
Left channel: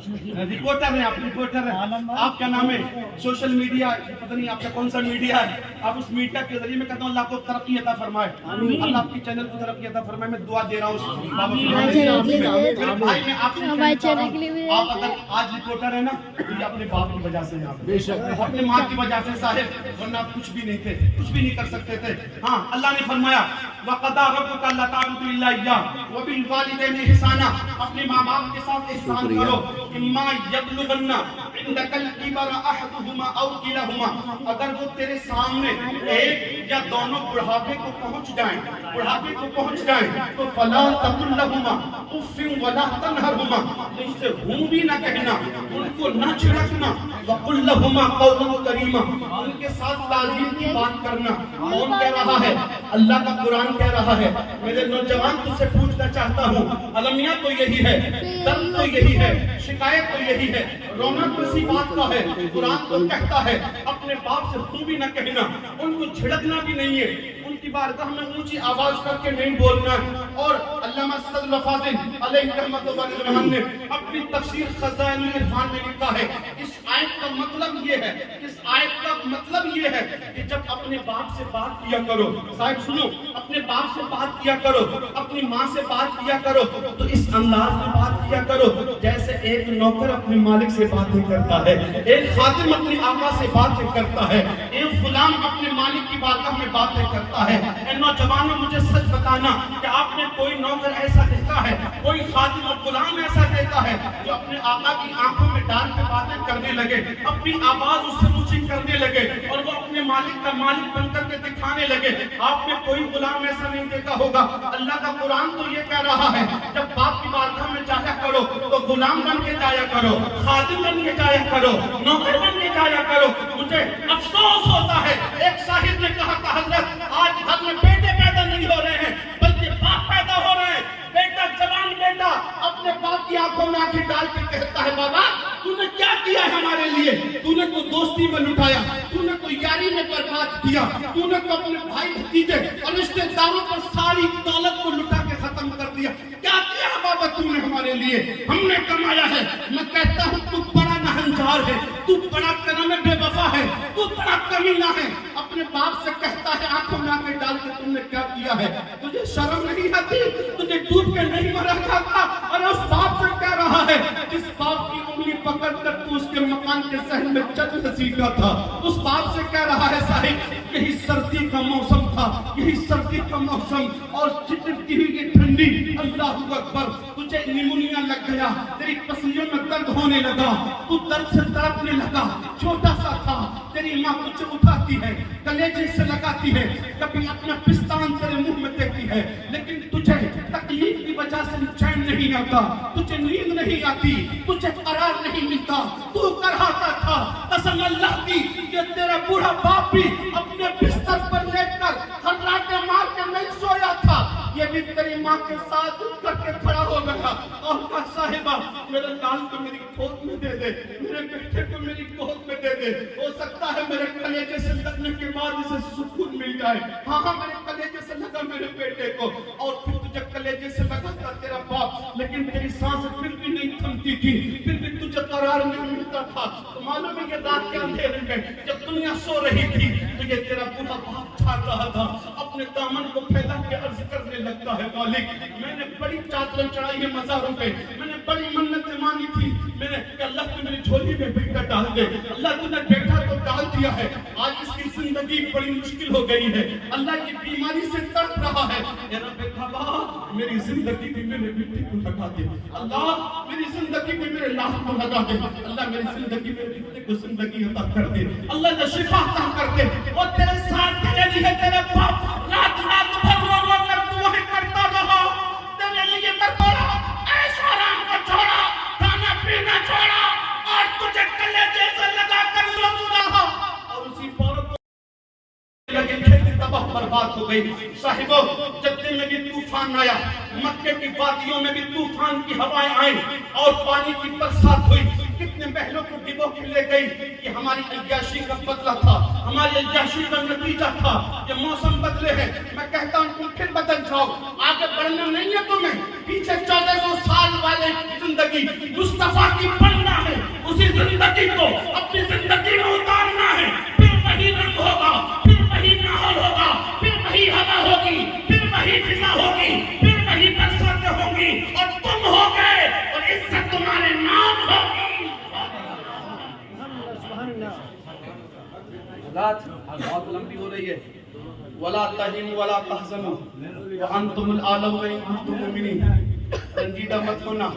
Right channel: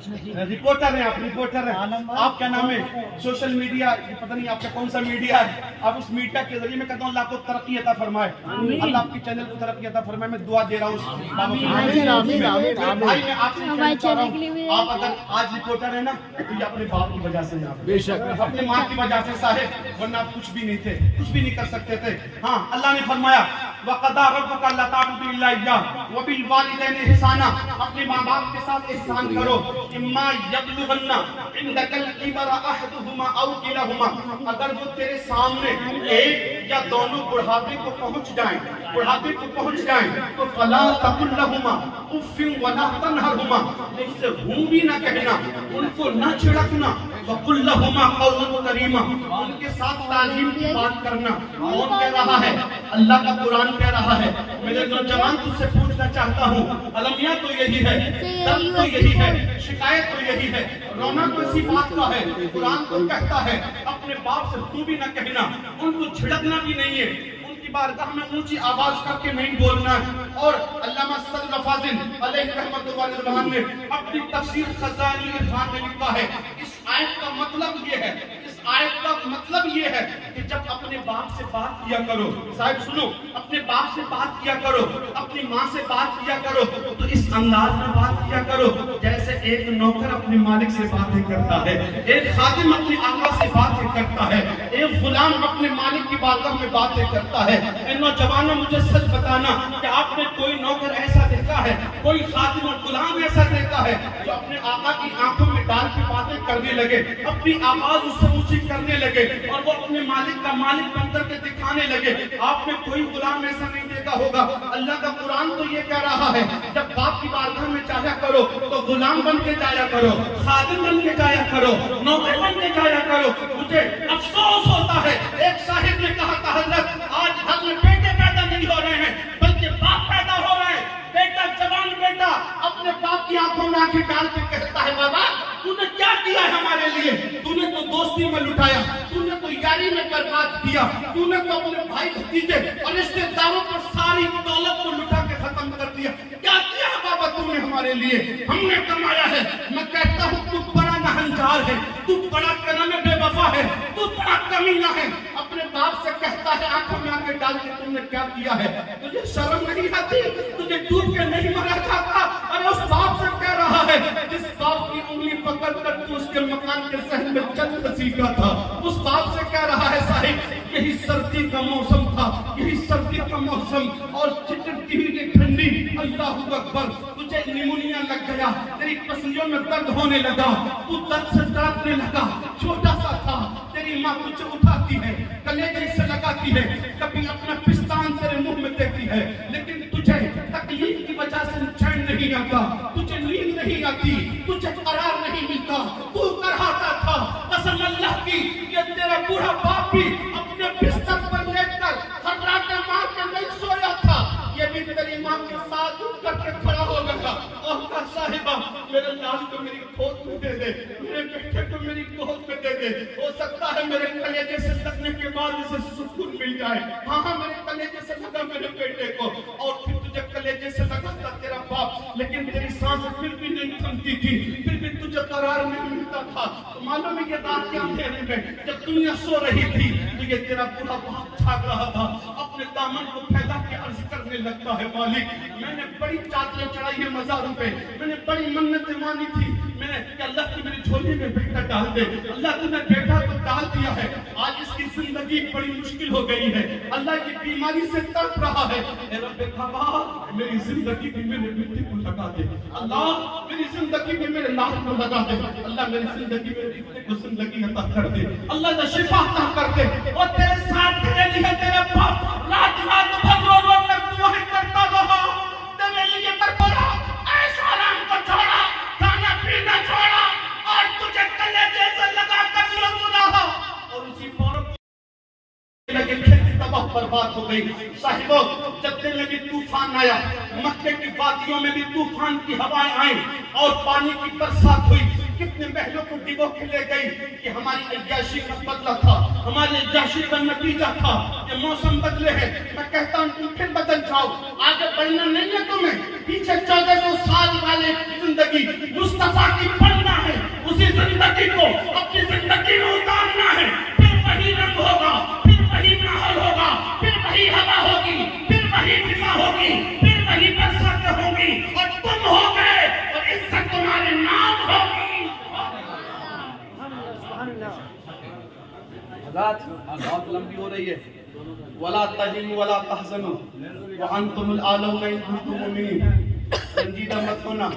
रिपोर्टर है आप, रिपोर्टर है आप, क्या नाम है सोशल मीडिया, पता नहीं आपका कौन सा मीडिया है, आप उस मीडिया के जरिए मैं कहता हूँ अल्लाह को तरक्की अता फरमाए, अल्लाह आपके चैनल को तरक्की अता फरमाए। मैं दुआ दे रहा हूँ भाई, मैं आपसे कहना चाह रहा हूँ, आप अगर आज रिपोर्टर है ना तो ये अपने बाप की वजह से, अपने माँ की वजह से साहिब, वरना आप कुछ भी नहीं थे, कुछ भी नहीं कर सकते थे। हाँ अल्लाह ने फरमाया वक़दा रब्बुका अल्ला ताबुदू इल्ला इय्याहु व बिल वालिदैनि इहसाना, अपने माँ बाप के साथ एहसान करो। इम्मा यबलुगन्ना इंदकल किबरा अहदुहुमा औ किलाहुमा, अगर वो तेरे सामने एक या दोनों बुढ़ापे को पहुंच जाएं तो फला तकुल लहुमा उफ़्फिन वला तनहरहुमा, उससे हूं भी ना कहना, उनको ना छिड़कना, वकुल लहुमा कौलन करीमा, उनके साथ ताज़ीम की बात करना। कौन कह रहा है? अल्लाह का कुरान कह रहा है। मेरे नौजवान तुझसे पूछना चाहता हूँ, अलमिया तो यही है, दर्द तो यही है, शिकायत तो यही है, रोना तो इसी बात का है। कुरान तो कहता है अपने बाप से तू भी न कहना, उनको झिड़कना भी नहीं है, उनकी बारगाह में ऊंची आवाज करके नहीं बोलना है। और अल्लामा सदर फाजिल अलैहि रहमतुल्लाह व रिज़वान ने अपनी तफसीर खज़ाइनुल इरफान में लिखा है, इस आयत का मतलब ये है, इस आयत का मतलब ये है कि जब अपने बाप से बात किया करो, साहिब सुनो, अपने बाप से बात किया करो, अपनी माँ से बात किया करो, तो इस अंदाज में बात किया करो जैसे एक नौकर अपने मालिक से बातें करता है, एक खादिम अपने आका से बातें करता है, एक गुलाम अपने मालिक की बारगाह में बातें करता है। नौजवानों मुझे सच बताना कि आपने कोई नौकर ऐसा देखा है, कोई खादिम और गुलाम ऐसा देखा है जो अपने आका की आंखों में डाल के बातें करने लगे, अपनी आवाज उससे ऊंची करने लगे और वो अपने मालिक का मालिक बनकर के दिखाने लगे? आपने कोई गुलाम ऐसा नहीं देखा होगा। अल्लाह का कुरान तो ये कह रहा है जब बाप की बारगाह में जाया करो तो गुलाम बन के जाया करो, खादिम बन के जाया करो, नौकर बन के जाया करो। मुझे अफसोस होता है, एक साहिब ने कहा था हजरत आज घर में बेटे पैदा नहीं हो रहे हैं बल्कि बाप पैदा हो रहे हैं। बेटा, जवान बेटा अपने बाप की आंखों में आंखें डाल के कहता है बाबा तूने क्या किया है हमारे लिए? तूने तो दोस्ती में लुटाया, तूने तो यारी में बर्बाद किया, तूने तो अपने भाई भतीजे और रिश्तेदारों पर सारी दौलत को लुटा के खत्म कर दिया। क्या किया है बाबा तूने हमारे लिए? हमने कमाया है। मैं कहता हूँ तू बड़ा नहंजार है, तू बड़ा करम बेवफा है, तू बड़ा कमीना है। अपने बाप से कहता है आंखों में आंखें डाल के तुमने क्या किया है? तुझे शर्म नहीं आती? तुझे डूब के नहीं मरा जाता? अरे उस बाप से कह रहा है जिस बाप की उंगली पकड़ कर तू उसके मकान के सहन में चल सीखा था, उस बाप से कह रहा है साहिब यही सर्दी का मौसम था, यही सर्दी का मौसम और चिटकती हुई ये ठंडी, अल्लाहू अकबर, तुझे निमोनिया लग गया, तेरी पसलियों में दर्द होने लगा, तू दर्द से तड़पने लगा, छोटा सा था, तेरी माँ तुझे उठाती है, कलेजे से लगाती है, कभी अपना पिस्तान तेरे मुंह में देती है, लेकिन तुझे तकलीफ की वजह से चैन नहीं आता, तुझे नींद नहीं आती, तुझे करार नहीं मिलता, तू कराता था। कसम अल्लाह की ये तेरा बूढ़ा बाप भी अपने बिस्तर पर लेटकर खर्राटे मार के नहीं सोया था, ये भी तेरी माँ के साथ करके खड़ा हो गया और कहा साहिबा मेरे लाल को मेरी गोद में दे दे, मेरे बेटे को मेरी गोद में दे दे, हो सकता है मेरे कलेजे से लगने के बाद इसे सुकून मिल जाए। हाँ मेरे कलेजे से लगा मेरे बेटे को, और फिर तुझे कलेजे से लगा था तेरा बाप, लेकिन तेरी सांस फिर भी नहीं थमती थी, फिर भी तुझे करार नहीं मिलता था। तो मालूम है ये रात के अंधेरे में जब दुनिया सो रही थी तो ये तेरा पूरा बाप छाग रहा था, अपने दामन को फैला के अर्ज करने लगता है मालिक मैंने बड़ी चादरें चढ़ाई है मज़ारों पे, मैंने बड़ी मन्नतें मांगी थी, मैंने अल्लाह की मेरी झोली में बेटा डाल दे। अल्लाह तूने बेटा तो डाल दिया है, आज इसकी जिंदगी बड़ी मुश्किल हो गई है। अल्लाह की बीमारी से तड़प रहा है। ए रब्बे काबा, मेरी जिंदगी भी मेरे बेटे को लगा दे। अल्लाह मेरी जिंदगी में मेरे लाल को लगा दे। अल्लाह मेरी जिंदगी में बेटे को जिंदगी अता कर दे। अल्लाह का शिफा अता कर दे। और तेरे साथ तेरे लिए तेरे बाप रात रात भर रो कर दुआएं करता रहा, तेरे लिए कर पड़ा, ऐशो आराम को छोड़ा, खाना पीना छोड़ा और तुझे कलेजे से लगा कर लो सुना। और उसी औरत लेकिन खेती तबाह बर्बाद हो गई। साहिबो, जद्दे में भी तूफान आया, मक्के की वादियों में भी तूफान की हवाएं आई और पानी की बरसात हुई। कितने महलों को डिबो के ले गई कि हमारी अय्याशी का बदला था, हमारी अय्याशी का नतीजा था। ये मौसम बदले हैं, मैं कहता हूँ तुम फिर बदल जाओ, आगे बढ़ना नहीं है तुम्हें। पीछे 1400 साल वाले जिंदगी मुस्तफा की पढ़ना है, उसी जिंदगी को अपनी जिंदगी में उतारना है। फिर वही रंग होगा, फिर वही माहौल होगा, फिर वही हवा होगी, फिर वही फिजा होगी, फिर वही बरसातें होंगी और तुम हो गए और इज्जत तुम्हारे नाम होगी। रात बहुत लंबी हो रही है। वला तहिनु वला तहज़नु व अंतुमुल आलौना इन कुंतुम मुमिनीन। रंजीदा मत होना,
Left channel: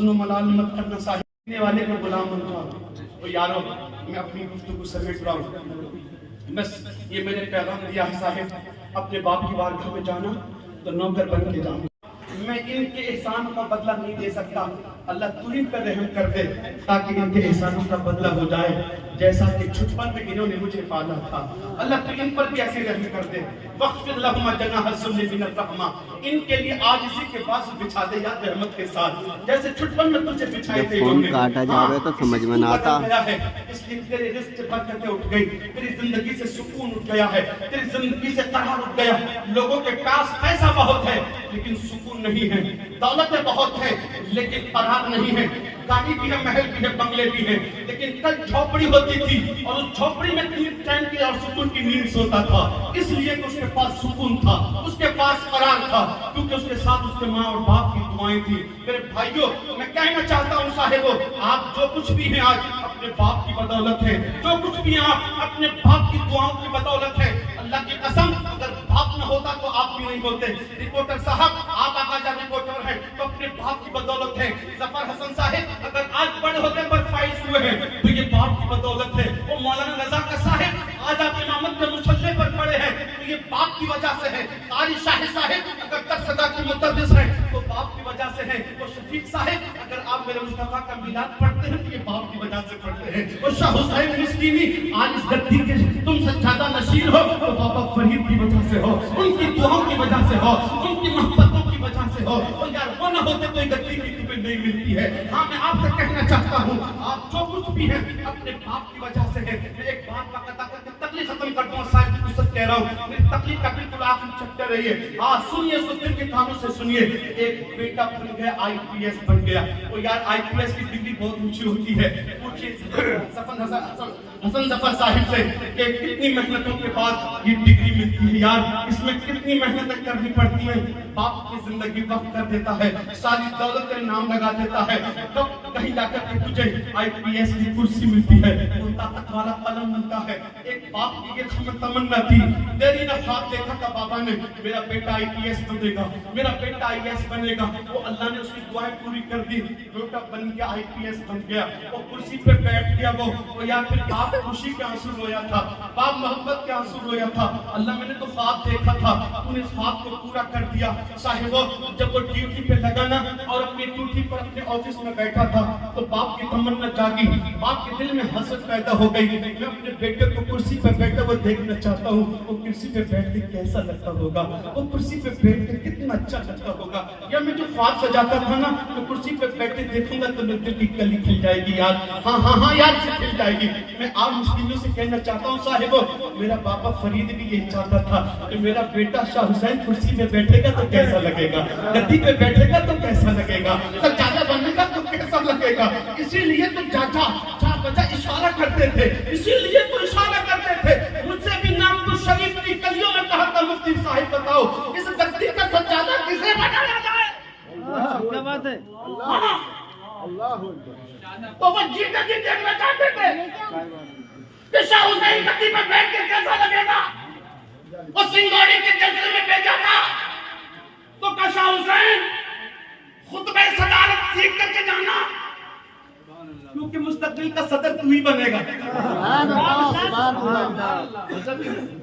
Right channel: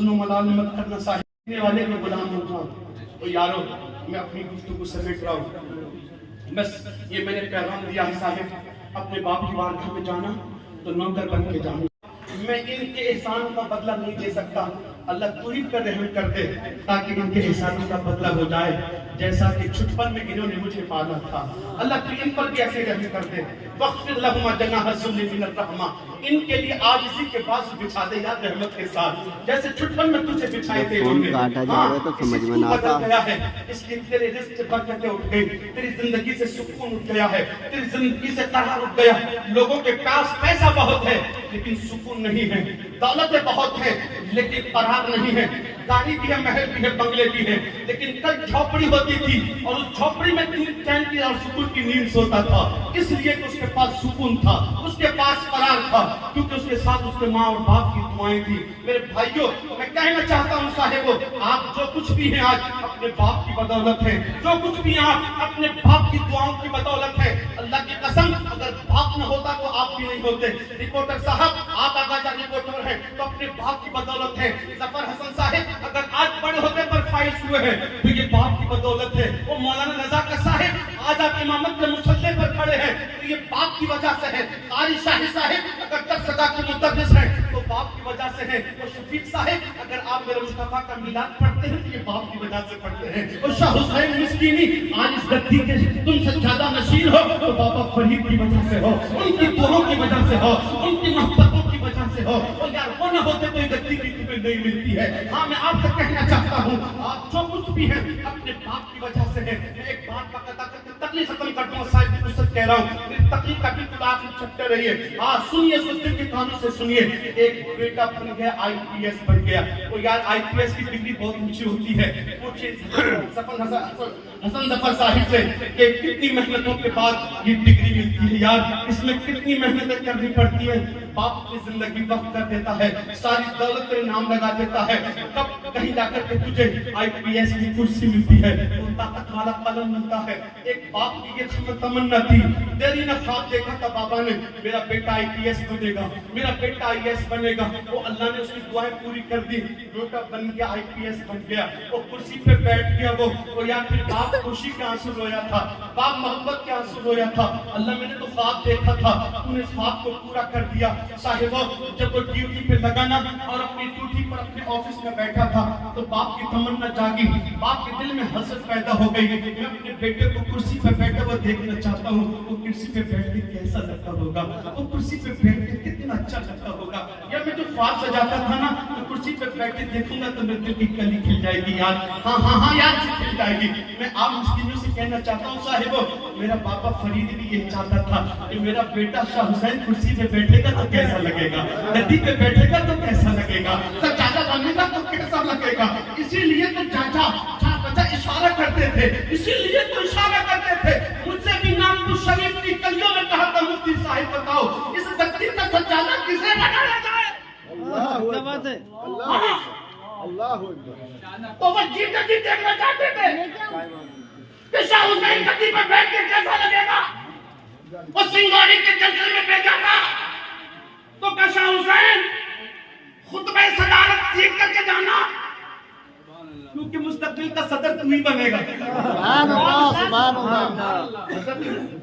मलाल मत करना, साहिब वाले को गुलाम हो जाओ। तो यारो, मैं अपनी गुफ्तगू समेट रहा हूँ। बस ये मैंने पैगाम दिया है साहिब, अपने बाप की बारगाह में जाना तो नौकर बन के जाना। मैं इनके एहसान का बदला नहीं दे सकता। अल्लाह तू ही पर रहम कर दे ताकि इनके एहसानों का बदला हो जाए जैसा कि छुटपन में इन्होंने मुझे पाला था। अल्लाह तू इन पर कैसे रहम कर दे। वक़्फ़िर लहुमा जनाह ज़ुल्लि मिनर रहमा, इनके लिए आजिज़ी के बाज़ बिछा दे यार रहमत के साथ, जैसे छुटपन में तुझे बिछाए थे। फोन काटा जावे तो समझ में ना आता है, इसलिए तेरे रिज़्क़ से बरकतें उठ गई, तेरी जिंदगी से सुकून उठ गया है, तेरी जिंदगी से करार उठ गया। लोगों के पास पैसा बहुत है लेकिन सुकून नहीं है, दौलतें बहुत है लेकिन करार नहीं है, गाड़ी भी है, महल भी है, बंगले भी है, लेकिन कल झोपड़ी होती थी और उस झोपड़ी में तीन चैन की और सुकून की नींद सोता था। इसलिए तो उसके पास सुकून था, उसके पास करार था, क्योंकि उसके साथ उसके माँ और बाप की दुआएं थी। मेरे भाइयों, मैं कहना चाहता हूँ साहिबो, आप जो कुछ भी हैं आज अपने बाप की बदौलत है, जो कुछ भी आप अपने बाप की दुआओं की बदौलत है। अल्लाह की कसम, अगर बाप न होता तो आप भी नहीं होते। रिपोर्टर साहब, आप आगाजा रिपोर्टर हैं तो अपने बाप की बदौलत है। जफर हसन साहिब अगर आज बड़े होते पर फाइज हुए हैं तो ये बाप की बदौलत है। वो मौलाना नज़ाकत साहिब आज आप इमामत के मुसल्ले पर खड़े हैं तो ये बाप की वजह से है। कारी शाही साहिब अगर 10 सदा के मुदर्रिस हैं तो बाप की वजह से है। और शफीक साहिब अगर आप मेरे मुस्तफा का मिलाद पढ़ते हैं तो ये बाप की वजह से पढ़ते हैं। और शाह हुसैन मिस्कीनी आज इस धरती के तुम सज्जादा नशीन हो तो बाबा फरीद की वजह से हो, उनकी दुआओं की वजह से हो, उनकी मोहब्बतों की वजह से हो। और यार वो न होते तो ये धरती भी तुम्हें नहीं मिलती है। हाँ, मैं आपसे कहना चाहता हूँ, आप जो कुछ भी हैं अपने बाप की वजह से है। मैं एक बात का कथा करके तकलीफ खत्म कर दूंगा, साहिब की पुस्तक कह रहा हूँ, मेरी तकलीफ का बिल्कुल आखिरी चैप्टर है ये। हाँ सुनिए, उस दिल की कानों से सुनिए। एक बेटा बन गया, IPS बन गया। और यार IPS की डिग्री बहुत ऊंची होती है। हसन जफर साहिब से कि कितनी मेहनतों के बाद ये डिग्री मिलती है। यार इसमें कितनी मेहनतें करनी पड़ती है। बाप की जिंदगी वक्त कर देता है, सारी दौलत के नाम लगा देता है, तब कहीं जाकर के तुझे IPS की कुर्सी मिलती है, वो ताकत वाला कलम मिलता है। एक बाप की ये तमन्ना थी, देरी ना ख्वाब देखा था बाबा ने, मेरा बेटा IPS बनेगा, मेरा बेटा IAS बनेगा। वो अल्लाह ने उसकी दुआएं पूरी कर दी, बेटा बन गया, IPS बन गया। वो कुर्सी पे बैठ गया वो यार फिर बाप खुशी के आंसू रोया था, बाप मोहब्बत के आंसू रोया था। अल्लाह मैंने तो ख्वाब देखा था, तूने इस ख्वाब को पूरा कर दिया। साहिबो, जब वो ड्यूटी पे लगा ना और अपनी ड्यूटी पर अपने ऑफिस में बैठा था तो बाप की तमन्ना जागी, बाप के दिल में हसरत पैदा हो गई। मैं अपने बेटे को कुर्सी पे बैठा हुआ देखना चाहता हूँ, वो कुर्सी पे बैठ के कैसा लगता होगा, वो कुर्सी पे बैठ के कितना अच्छा लगता होगा। या मैं जो ख्वाब सजाता था ना, तो कुर्सी पे बैठ के देखूंगा तो मेरे दिल की कली खिल जाएगी यार। हाँ यार से खिल जाएगी। मैं आप मुस्लिमों से कहना चाहता हूँ साहिबो, मेरा बाबा फरीद भी यही चाहता था कि मेरा बेटा शाह हुसैन कुर्सी पे बैठेगा तो कैसा लगेगा, गद्दी पे बैठेगा तो कैसा लगेगा, सज्जादा बनेगा तो कैसा लगेगा। इसीलिए तो चाचा इशारा करते थे, इसीलिए तो इशारा करते थे। मुझसे भी नाम तो शरीफ की कलियों में कहा था, मुफ्ती साहिब बताओ इस गद्दी का सज्जादा किसे बनाया जाए। क्या बात है। तो वो जिंदगी देखना चाहते थे कि शाह हुसैन गद्दी पे बैठ कर कैसा लगेगा। वो सिंगौड़ी के जलसे में भेजा था तो क्या शाह हुसैन खुतबे सदारत सीख करके जाना, क्योंकि मुस्तकबिल का सदर तू ही बनेगा।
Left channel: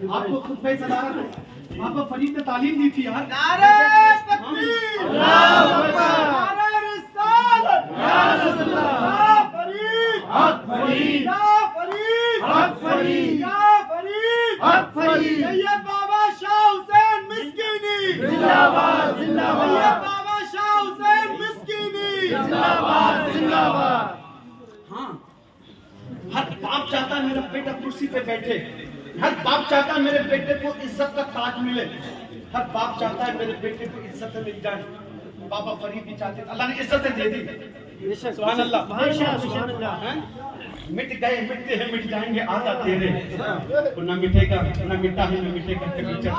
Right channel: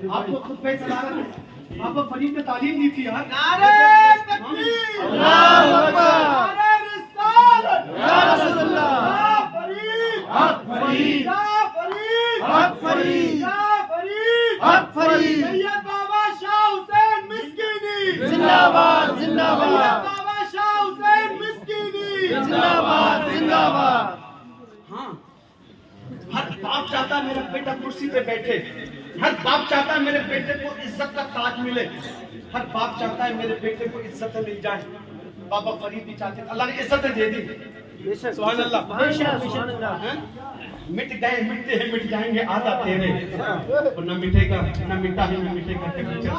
आपको खुतबे सदारत आपको फरीद ने तालीम दी थी यार। नारे तकबीर, अल्लाहू अकबर, नारे रिसालत, या रसूल अल्लाह, या फरीद, हक फरीद, या फरीद, हक फरीद, या फरीद, हक फरीद। सैयद बाबा शाह हुसैन मिस्कीनी जिंदाबाद जिंदाबाद, सैयद बाबा शाह हुसैन मिस्कीनी जिंदाबाद जिंदाबाद। हाँ, हर बाप चाहता मेरा बेटा कुर्सी पे बैठे, हर बाप चाहता है मेरे बेटे को इज्जत का ताज मिले, हर बाप चाहता है मेरे बेटे को इज्जत मिल जाए। बाबा फरीद भी चाहते, अल्लाह ने इज्जत दे दी। सुभान अल्लाह। मिट गए मिटते हैं मिट जाएंगे आधा तेरे, ना मिटेगा ना मिटा है ना मिटेगा के पीछे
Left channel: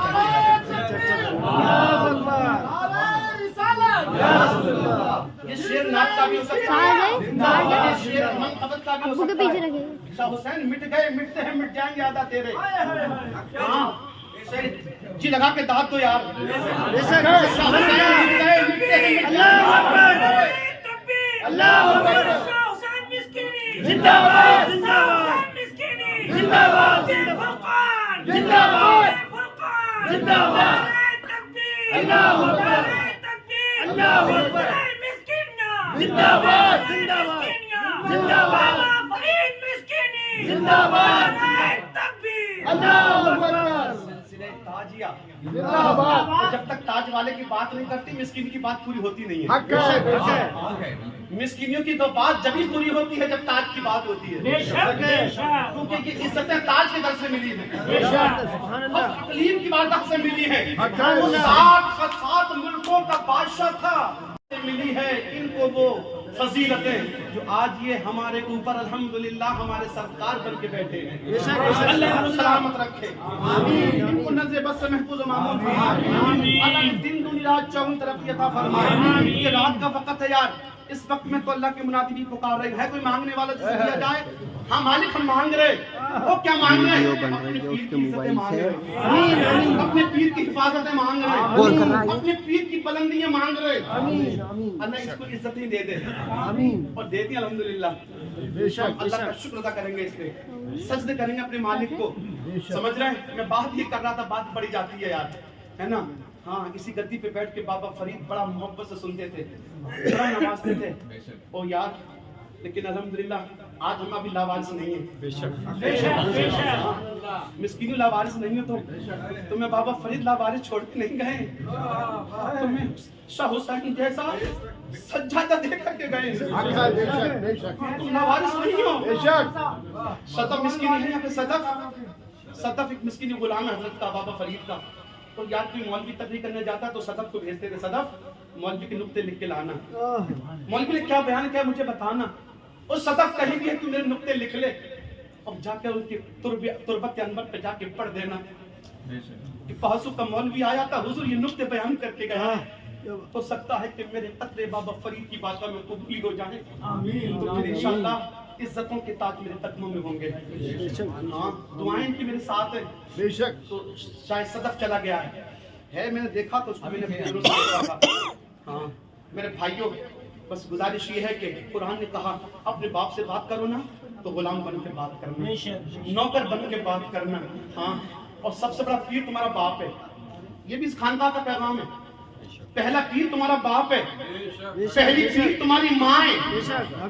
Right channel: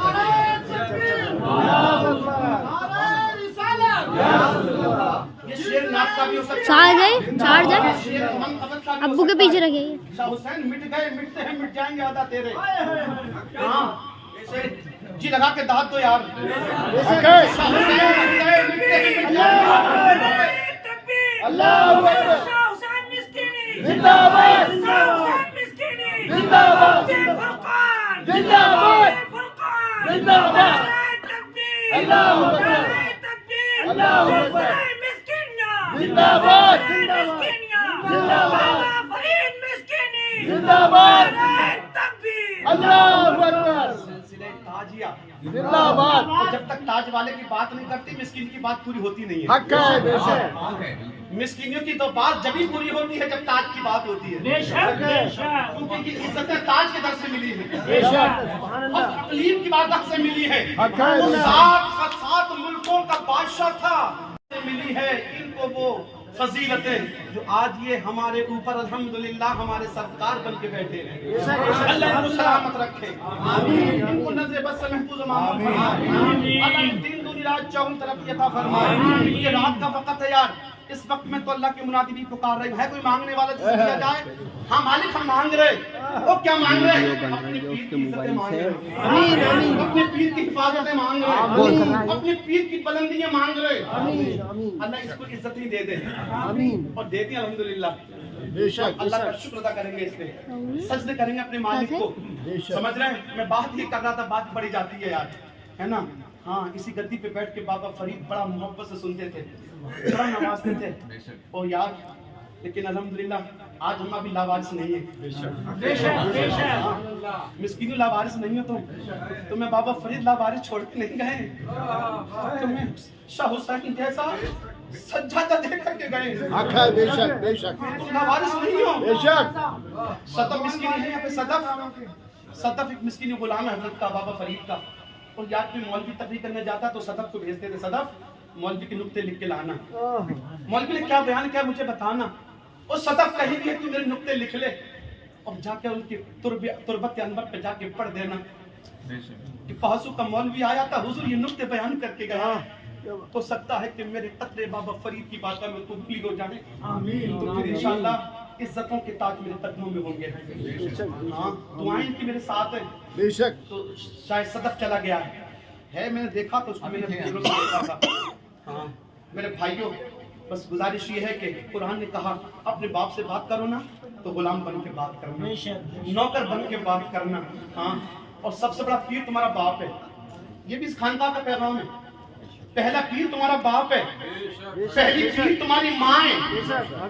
ये शेर नाथ का भी हो सकता है, शेर मनकबत का भी हो अब्बू के सकता पीछे है। रखिए। शाह हुसैन मिट गए मिटते हैं मिट जाएंगे आधा तेरे। हाँ जी लगा के दाद दो यार। शाह हुसैन मिट गए मिटते हैं मिट जाएंगे। अल्लाहू अकबर, शाह हुसैन मिस्कीनी जिंदाबाद जिंदाबाद, मिस्कीनी जिंदाबाद फुरकान जिंदाबाद फुरकान जिंदाबाद, तकबीर अल्लाहू अकबर तकबीर अल्लाहू अकबर, मिस्कीना जिंदाबाद जिंदाबाद जिंदाबाद, फरीद मिस्कीनी जिंदाबाद तकबीर अल्लाहू अकबर। सिलसिले ताजिया जिंदाबाद। जब तक ताज वाले की बात नहीं करती मिस्कीन की बात पूरी होती नहीं है। मिस्कीनियों की तो बात जब ही पूरी होती है जब ताज की बात होती है, क्योंकि ये इज्जतें ताज के दर से मिली है और तकलीम की बात से मिली है। वो 7 मुल्कों का बादशाह था, मिली है इनको वो फजीलतें जो आज ये हमारे ऊपर अल्हम्दुलिल्लाह हमारे सरकार बन के बैठे हैं। अल्लाह इनको सलामत रखे, इनको नजर बद से महफूज मामून फरमाए। अल्लाह दिन दुनी रात चौगुन तरक्की अता फरमाए। ये रात का वक्त है यार, इस वक्त में तो अल्लाह के मुनादी भी पुकार रहे हैं। कोई मांगने वाला जिसे दिया जाए, हाँ मालिक हम मांग रहे। वो क्या मांग रहे? अपने पीर की इज्जतें मांग रहे, अपने पीर की हिफाजतें मांग रहे, अपने पीर की बुलंदियां मांग रहे। अल्लाह इसको इज्जत ही दे दे और दे दी अल्हम्दुलिल्लाह। अल्लाह का शुक्र अदा करेंगे, इस पे सजदे करेंगे अपने मालिक को। समझ रहे हैं, मैं बात ये कर रहा था, बात बढ़ी जाती है यार, है ना। हाँ, इसी गद्दी पे बैठ के बाबा फरीद बड़ा मोहब्बत से सुनते थे, बड़ा नवाजते थे ओ यार। लेकिन अल्हम्दुलिल्लाह आज हम अभी लावारिस नहीं है। मिस्कीन लावारिस नहीं हो तो मैं बाबा फरीद लावारिस छोड़ के नहीं गए, तुम्हें शाह हुसैन जैसा सज्जादा दे करके गए। तुम लावारिस नहीं हो। सदफ मिस्कीन है यहाँ पे, सदफ एक मिस्कीन गुलाम है हजरत का, बाबा फरीद का। और याद कोई मौलवी तकरीर करने जाता तो सदफ को भेजते थे, सदफ मौलवी के नुक्ते लिख के लाना, मौलवी ने क्या बयान किया मुझे बताना। और सदफ कहीं भी है तू मेरे नुक्ते लिख ले और जाके उनकी तुरबत अनवर पे जाके पढ़ देना कि पहसू का मौलवी आया था, हुजूर ये नुक्ते बयान करके गया। हो सकता है कि मेरे कतरे बाबा फरीद की बात में कबूल हो जाए, तो फिर इंशाअल्लाह इज्जतों के ताज मेरे कदमों में होंगे। हाँ, दुआएं की मेरे साथ है बेशक। तो शायद सदफ चला गया है, मैंने देखा तो उसको मैंने देखा था। हाँ मेरे भाइयों, बस गुजारिश ये है कि कुरान ने कहा अपने बाप से बात करो ना तो गुलाम बन के बात करना, नौकर बन के बात करना। हाँ, और सबसे बड़ा पीर तुम्हारा बाप है, ये भी इस खानदान का पैगाम है। पहला पीर तुम्हारा बाप है, पहली पीर तुम्हारी माँ है।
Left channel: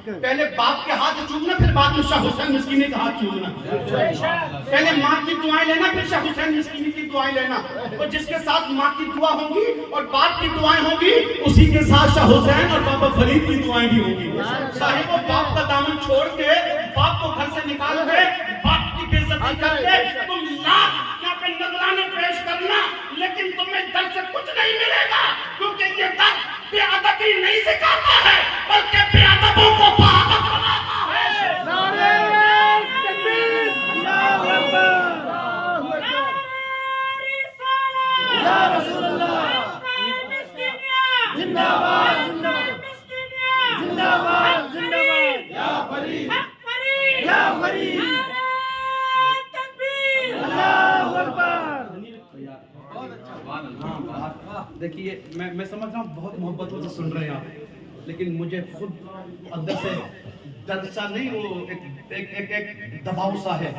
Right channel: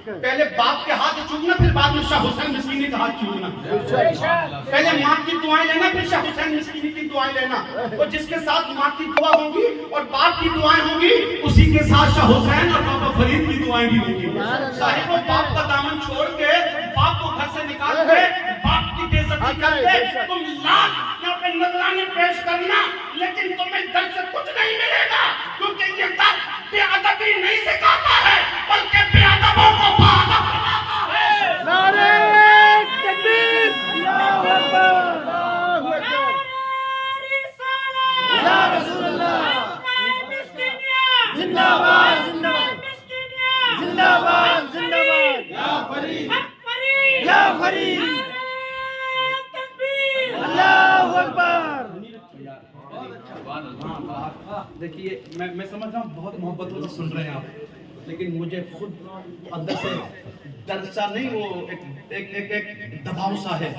पहले बाप के हाथ चूमना, फिर बाद में शाह हुसैन मिस्कीनी का हाथ चूमना। पहले माँ की दुआएं लेना, फिर शाह हुसैन मिस्कीनी की दुआएं लेना। और जिसके साथ माँ की दुआ होगी और बाप की दुआएं होगी, उसी के साथ शाह हुसैन और बाबा फरीद की दुआएं भी होंगी। साहिब वो बाप का दामन छोड़ के, बाप को घर से निकाल के, बाप की बेइज्जती करके तुम लाख यहाँ पे नजराने पेश करना, लेकिन तुम्हें दर से कुछ नहीं मिलेगा, क्योंकि ये दर बेअदबी नहीं सिखाता है बल्कि बेअदबों को बाअदब बनाता है। नारे तकबीर, अल्लाहू अकबर, या रसूल अल्लाह, जिंदाबाद जिंदाबाद जिंदाबाद। देखिए मैं समझ रहा हूँ बहुत मोहब्बतों से सुन रहे हैं आप, लेकिन मुझे खुद अंदर से डर सा नहीं, वो एक दबाव सा है,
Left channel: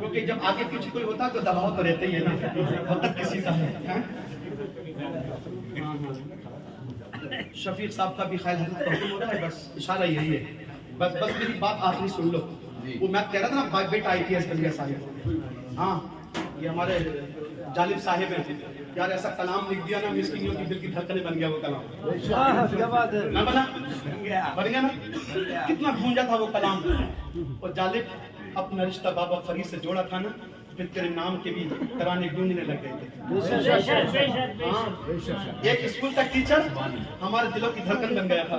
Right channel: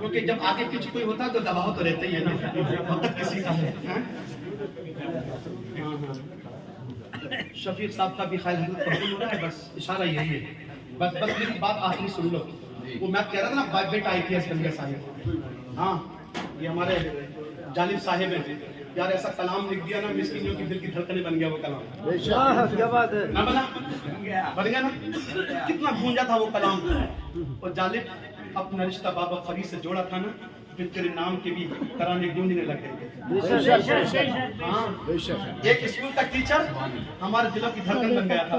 क्योंकि जब आगे पीछे कोई होता है तो दबाव तो रहता ही है ना, वक्त किसी का है। शफीक साहब का भी ख्याल हो रहा है, बस इशारा यही है, बस मेरी बात आखिरी सुन लो। वो मैं कह रहा था ना बेटा IPS बन गया साहिब, हाँ ये हमारे जालिब साहिब है यार, ऐसा कलाम लिख दिया ना, मिस्किनियों की दिल की धड़कने बन गया वो कलाम। क्या बात है ना बन गया ना, कितना गूंजा था वो कलाम। और जालिब अपना रिश्ता बाबा फरीद से जोड़ा था ना, फिर तेरे नाम के भी तराने गूंजने लग गए थे। हाँ, एक स्कूल का टीचर हमारे दिलों की धड़कन बन गया था,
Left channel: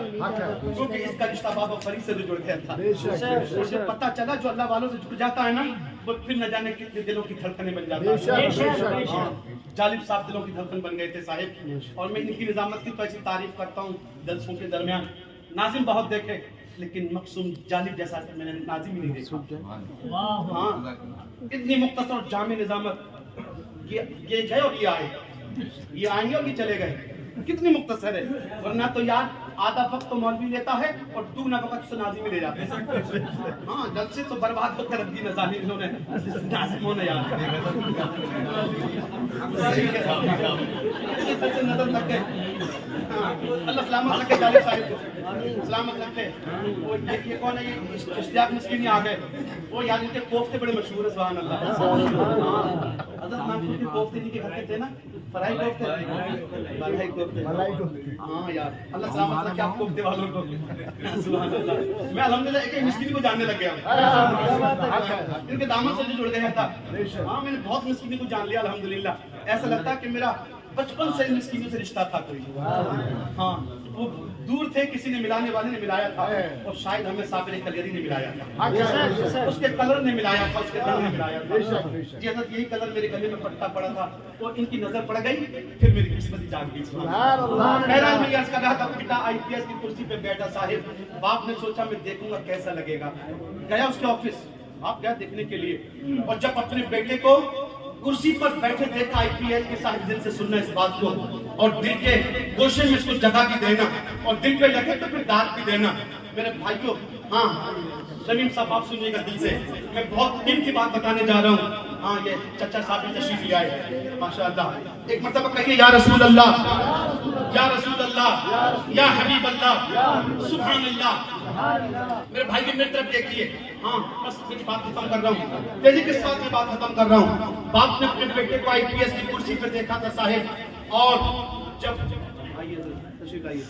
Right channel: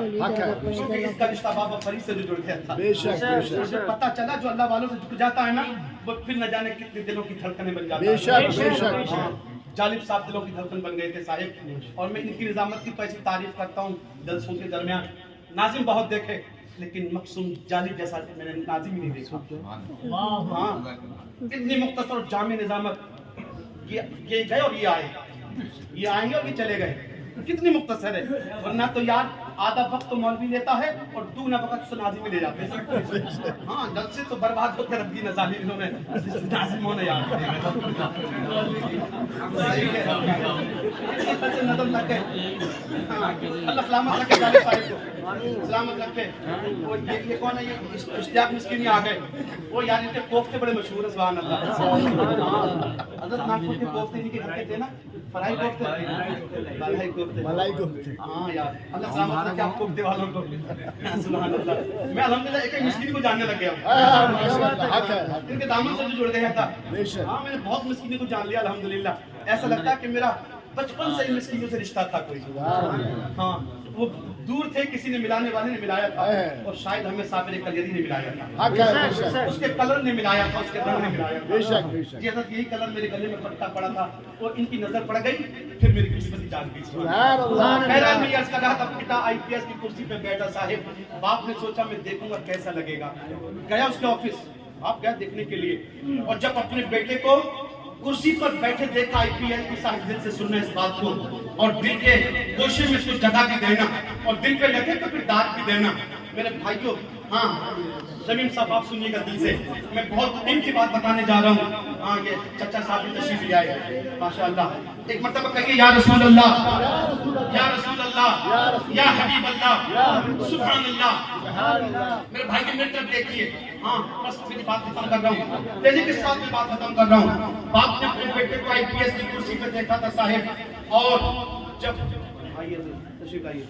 क्योंकि इसका रिश्ता बाबा फरीद से जो जुड़ गया था। मुझे पता चला जो अल्लाह वालों से जुड़ जाता है ना, वो फिर न जाने कितने दिलों की धड़कने बन जाता है। जालिब साहब दिलों की धड़कन बन गए थे साहिब, और मैं इनकी निजामत की तो ऐसी तारीफ करता हूँ जलसों के दरमियान। नाजिम बहुत देखे, लेकिन मकसूम जालिब जैसा मैंने नाजिम ही नहीं देखा। हाँ, इतनी मुख्तसर और जामे निजामत, ये गए और ये आए, ये आएंगे और ये चले गए, कितनी मुख्तसर है। वरना तो यार आधा वक्त तो मौलवी लेता है और दूना वक्त तो नाजिम ही ले जाते हैं। हाँ, जल से तो बर्बाद होकर रख दी नाजिमों ने यार, सही है, इसी तरह से नजर लग गए। हाँ, अल्लाह सलामत रखे जालिब साहिब को, सलामत रखे। वो ये कौन है, ये इश्तियाक मिस्कीन आ गए, वो यार इनके कोफ्ते बड़े मशहूर है, सुभान अल्लाह। हज़रत नागपुर के कोफ्ते इनके घर के थे ना, फ्राई कोफ्ते, मलाई कोफ्ते। हाँ यार, अल्लाह सलामत रखे आप कोफ्ते वालों को, सुभान अल्लाह। मैं अल्हम्दुलिल्लाह एक मिस्कीन को जानने लग गया, इनके दामन से जो जुड़ गया था। हाँ, मैंने बहुत मिस्कीन को जान लिया अल्हम्दुलिल्लाह। ऐसा लगता है कि मेरा बचपन से मिस्कीनों से रिश्ता था कोई। हाँ, वो दूर थे, किसी ने मिलाने वाले ने मिलाया था, और शायद हमें साबिर कलियरी ने मिलाया था, उसके कलर ने मिलाया था, उसके रंग ने मिलाया था। जी हज़रत, यही कलर मेरे गले में पट्टा पड़ा था, और इनकी नजर पड़ गई, फिर मेरी किस्मत जाग गई। बहरहाल मैं अर्ज़ कर रहा था, पिता IPS की कुर्सी पे बैठा साहिब, बाप ने सोचा मैं देखूंगा कैसा लगेगा। गया उसके ऑफिस, आप गया देखने के लिए, और जब अपने बेटे को कुर्सी पर बैठे देखा IPS की साहिब, दिल से सुनना इस बात को, और दिल के गोशे में इसको जगह भी देना, और दिल पे लगे तो फिर दाग भी देना। मेरे भाइयों, हाँ जमीन साहब आप सुनिएगा दिल से, मैं बहुत दिल की बात बताने जा रहा हूँ। हाँ, ये चचा साहब भी तशरीफ ले आए माशाअल्लाह। एक मर्तबा कहिए या रसूल अल्लाह, या रसूल अल्लाह, या हबीब अल्लाह, सुभान अल्लाह। मेरे भाई की मेरी तरफ देखिए। हाँ, बस मेरी बात खत्म कर रहा हूँ, तेजी के साथ में बात खत्म कर रहा हूँ। बाप ने अपने बेटे को IPS की कुर्सी पे देखा था साहिब, और जब आइए तशरीफ आइए,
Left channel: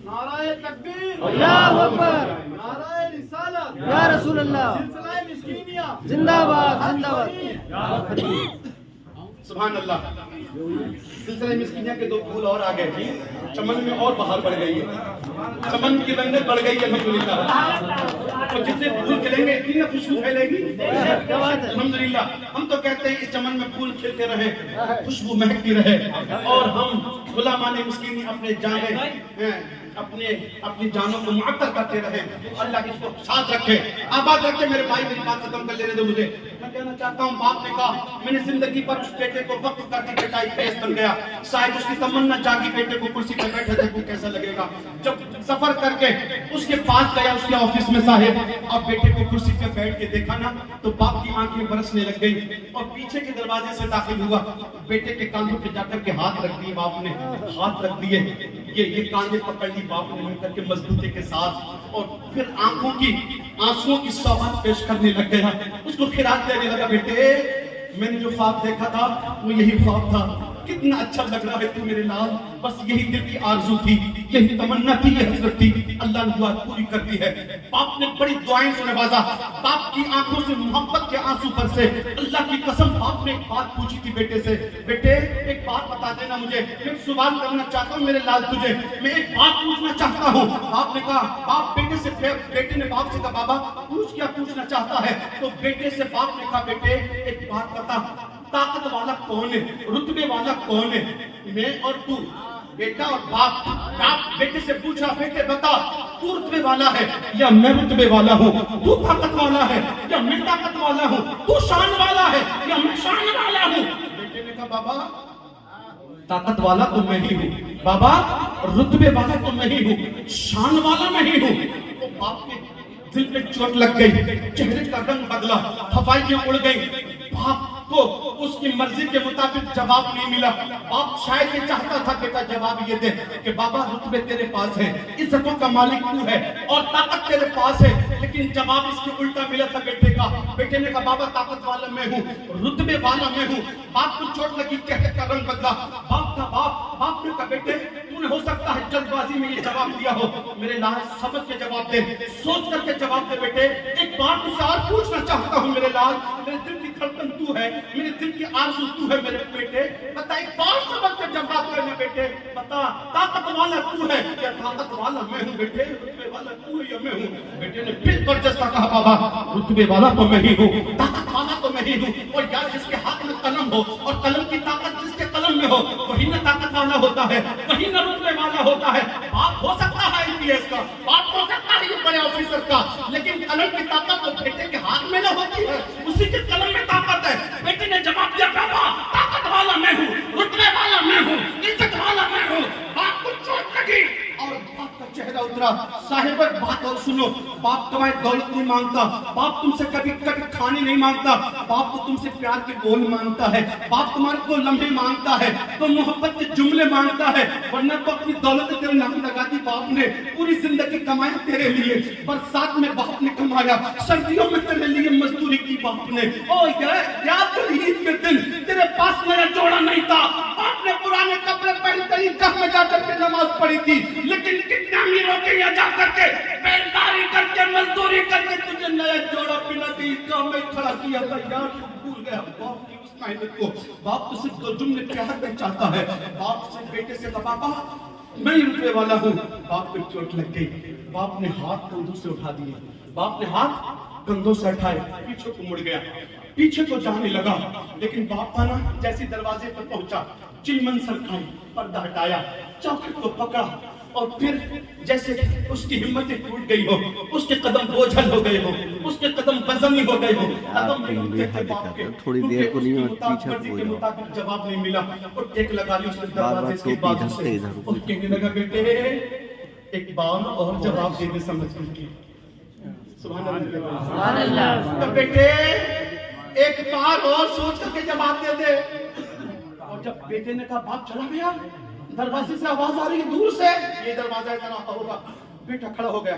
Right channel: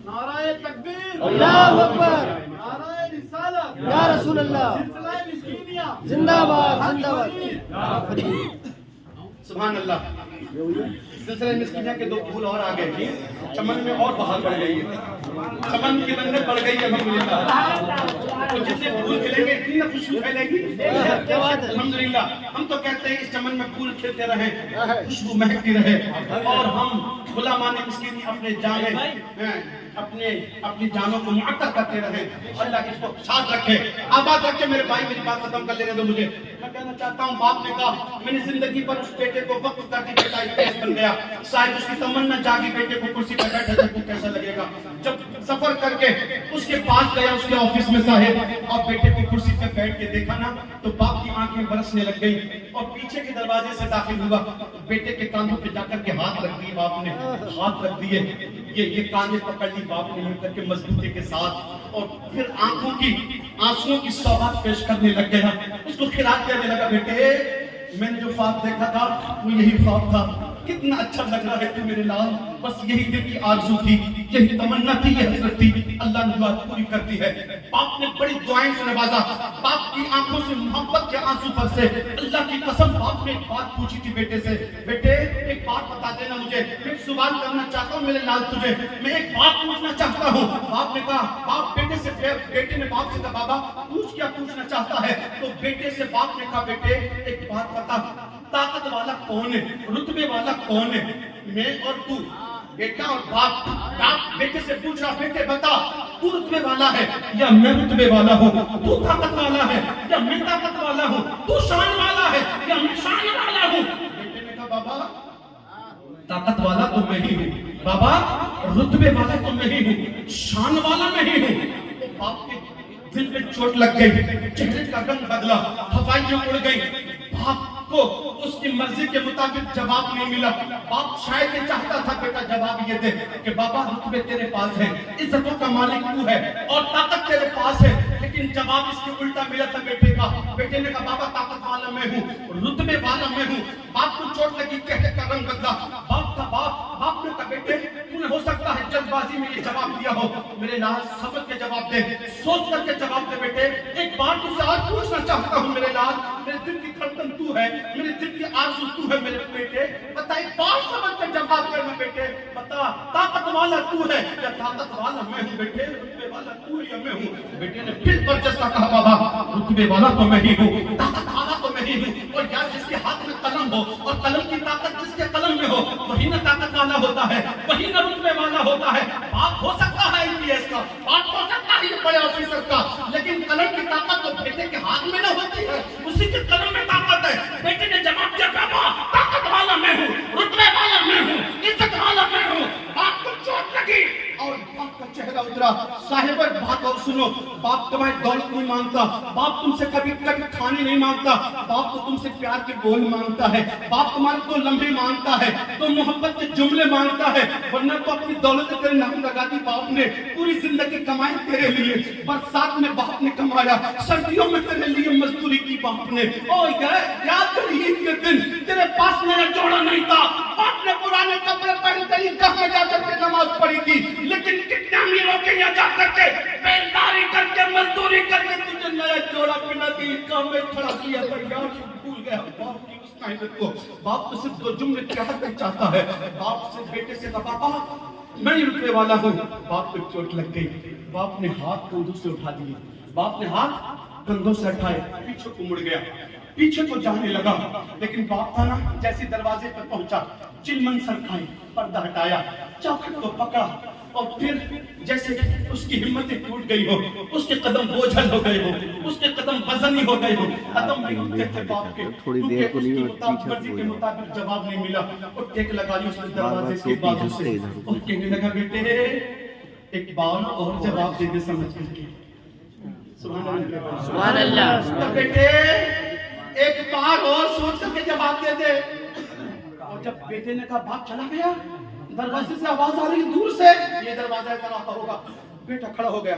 नाराए तकबीर, अल्लाहु अकबर, नाराए रिसालत, या रसूल अल्लाह, सिलसिला मिस्कीनिया जिंदाबाद जिंदाबाद। सुभान अल्लाह। सिलसिले मिस्कीनिया के 2 फूल और आ गए, चमन में और बाहर बढ़ गई है, चमन की रंगत बढ़ गई है अल्हम्दुलिल्लाह। तो जितने फूल खिलेंगे इतनी खुशबू फैलेगी। क्या बात है, अल्हम्दुलिल्लाह। हम तो कहते हैं इस चमन में फूल खिलते रहे, खुशबू महकती रहे, और हम गुलामाने मिस्कीनी अपने जाने अपनी जानों को मुअत्तर करते रहे। अल्लाह इसको साथ रखे, आबाद रखे। मेरे भाई मेरी बात खत्म कर लेने दो मुझे। मैं कहना चाहता हूँ, बाप ने कहा मैंने जिंदगी पर उस बेटे को वक्फ करके बेटा IPS बन गया। शायद उसकी तमन्ना जागी, बेटे को कुर्सी पर बैठे देखो कैसा लगेगा। जब सफर करके उसके पास गया, उसके ऑफिस में साहिब, अब बेटे को कुर्सी पे बैठ के देखा ना, तो बाप की आंखें बरसने लग गई, और पीछे के दरवाजे से दाखिल हुआ। बेटे के कांधों पे जाकर के हाथ रख दिए बाप ने, हाथ रख दिए, ये कांधे पकड़ ली बाप ने मिलकर के मजबूती के साथ, और फिर आंखों की आंसुओं की सौगात पेश करने लग गया। उसको खिराक देने लगा, बेटे मैंने जो ख्वाब देखा था वो यही ख्वाब था, कितना अच्छा लग रहा है तू मेरे लाल, बस यही दिल की आरज़ू थी, यही तमन्ना थी, यही हसरत थी, अल्लाह ने दुआ पूरी कर दी है। बाप ने बड़ी दुआएं से नवाजा, बाप की आंखों से मोहब्बत के आंसू बरसे। अल्लाह की कसम, बाप ने एक बात पूछी थी बेटे से, बेटे एक बात बता देना मुझे, मैं सवाल करना चाहता हूँ मेरे लाल तुझे, मैं एक बात पूछना चाहता हूँ। बाप ने कहा, बाप बेटे से, बेटे ने बाप से कहा, बाबा पूछ क्या पूछना चाहता है? तो बेटे से बाप ने कहा, बेटे एक बात बता, ताकत वाला कौन है, रुतबे वाला कौन है, मैं और तू? बेटा और बाप, बाप बेटे से पूछ रहा, बेटे बता तू रुतबे वाला है या मैं रुतबे वाला हूँ? तू ताकत वाला है या मैं ताकत वाला हूँ? तू शान वाला है या मैं शान वाला हूँ? बेटे ने कहा, बाबा ताकत वाला तो मैं ही हूँ बाबा, रुतबे वाला तो मैं ही हूँ, शान वाला मैं ही हूँ। तो बाप के दिल पे चोट लग गई, चेहरे का रंग बदला, हवाइयां उड़ गई। बाप को उसकी मर्जी के मुताबिक जवाब नहीं मिला। बाप शायद ये चाहता था बेटा जवाब ये दे कि बाबा रुतबे तेरे पास है, इज्जतों का मालिक तू है और ताकत तेरे पास है, लेकिन जवाब इसके उल्टा मिला था बेटे का। बेटे ने कहा बाबा ताकत वाला मैं हूँ, रुतबे वाला मैं हूँ। बाप को चोट लगी, चेहरे का रंग बदला। बाप ने कहा बेटे तूने हो सकता है जल्दबाजी में ये जवाब दिया हो, मेरे लाल समझ के जवाब दे, सोच करके जवाब दे बेटे। एक बार तुझसे और पूछना चाहता हूँ मेरे लाल, मेरे दिल की धड़कन तू है, मेरे दिल की आरज़ू तू है मेरे बेटे। बता एक बार समझ के जवाब करना बेटे, बता ताकत वाला तू है या ताकत वाला मैं हूँ बेटे, रुतबे वाला तू है या मैं हूँ। बेटे ने फिर बरजस्ता कहा बाबा रुतबे वाला तो मैं ही हूँ, ताकत वाला तो मैं ही हूँ। और यार जिसके हाथ में कलम हो और कलम की ताकत जिसके कलम में हो वही ना ताकत वाला होता है, वही ना रुतबे वाला होता है। बाप हो सकता है IPS का, बाप हो सकता है ये बड़े ऑफिसर का, लेकिन कलम की ताकत तो बेटे के हाथ में ना होती है, उसी के कलम में ताकत है। बेटे ने जवाब दिया बाबा ताकत वाला मैं हूँ, रुतबे वाला मैं हूँ, इज्जत वाला मैं हूँ। बाप को चोट लगी और बाप का चेहरा उतरा। साहिब बात और सुनो, बाप तुम्हारी दौलत नहीं मांगता, बाप तुमसे कभी खाने नहीं मांगता, बाप तो तुमसे प्यार के बोल मांगता है, बाप तुम्हारे तो लम्हे मांगता है, तो मोहब्बत के जुमले मांगता है। वरना तो अपनी दौलत तेरे नाम लगा दी बाप ने, पूरी जिंदगी कमाया तेरे लिए, बरसात में बाप ने कमाया, सर्दियों में तेरे लिए मजदूरी की बाप ने। ओ याद कर ईद के दिन तेरे पास नया जोड़ा नहीं था, बाप ने पुराने कपड़े पहनकर ईदगाह में जाकर के नमाज पढ़ी थी, लेकिन कितना अमीरों के यहाँ जाकर के बेलदारी करके मजदूरी करके तुझे नया जोड़ा पिला के ईदगाह में खड़ा किया था। यार भूल गया बाप की उस मेहनत को। बाप तो सिर्फ दो जुमले प्यार के चाहता है। बाप से बेटे से कहा बाबा मैं ही रुतबे वाला हूँ। बाप को चोट लग गई, बाप ने हाथ कंधों से उठा दिए, बाप ने हाथ कंधों से उठाए, पीछे को मुड़ गया, पीछे को जाने लगा। लेकिन बाप था ना, जैसे दरवाजे पर पहुंचा चिलमन सरकाई, पर्दा हटाया, चौखट को पकड़ा और फिर जैसे उसकी हिम्मत टूट गई हो, उसके कदम बोझल हो गए हो, उसके कदम वजनी हो गए हो, कदम थोड़ी देर को नहीं के मुताबिक जवाब नहीं मिला और टेक लगा ली उसने दरवाजे के बाजू से और कहने लगा बेटे एक बार और जवाब दे दे समझ करके। सुभान अल्लाह। तो बेटे एक बार और सोच करके जवाब दे दे। और जब बेटे ने कहा बाप चला गया, दरवाजे से आवाज आ रही है दूर से, ये दरवाजा ऐसा रहा होगा। बेटा खड़ा हो गया,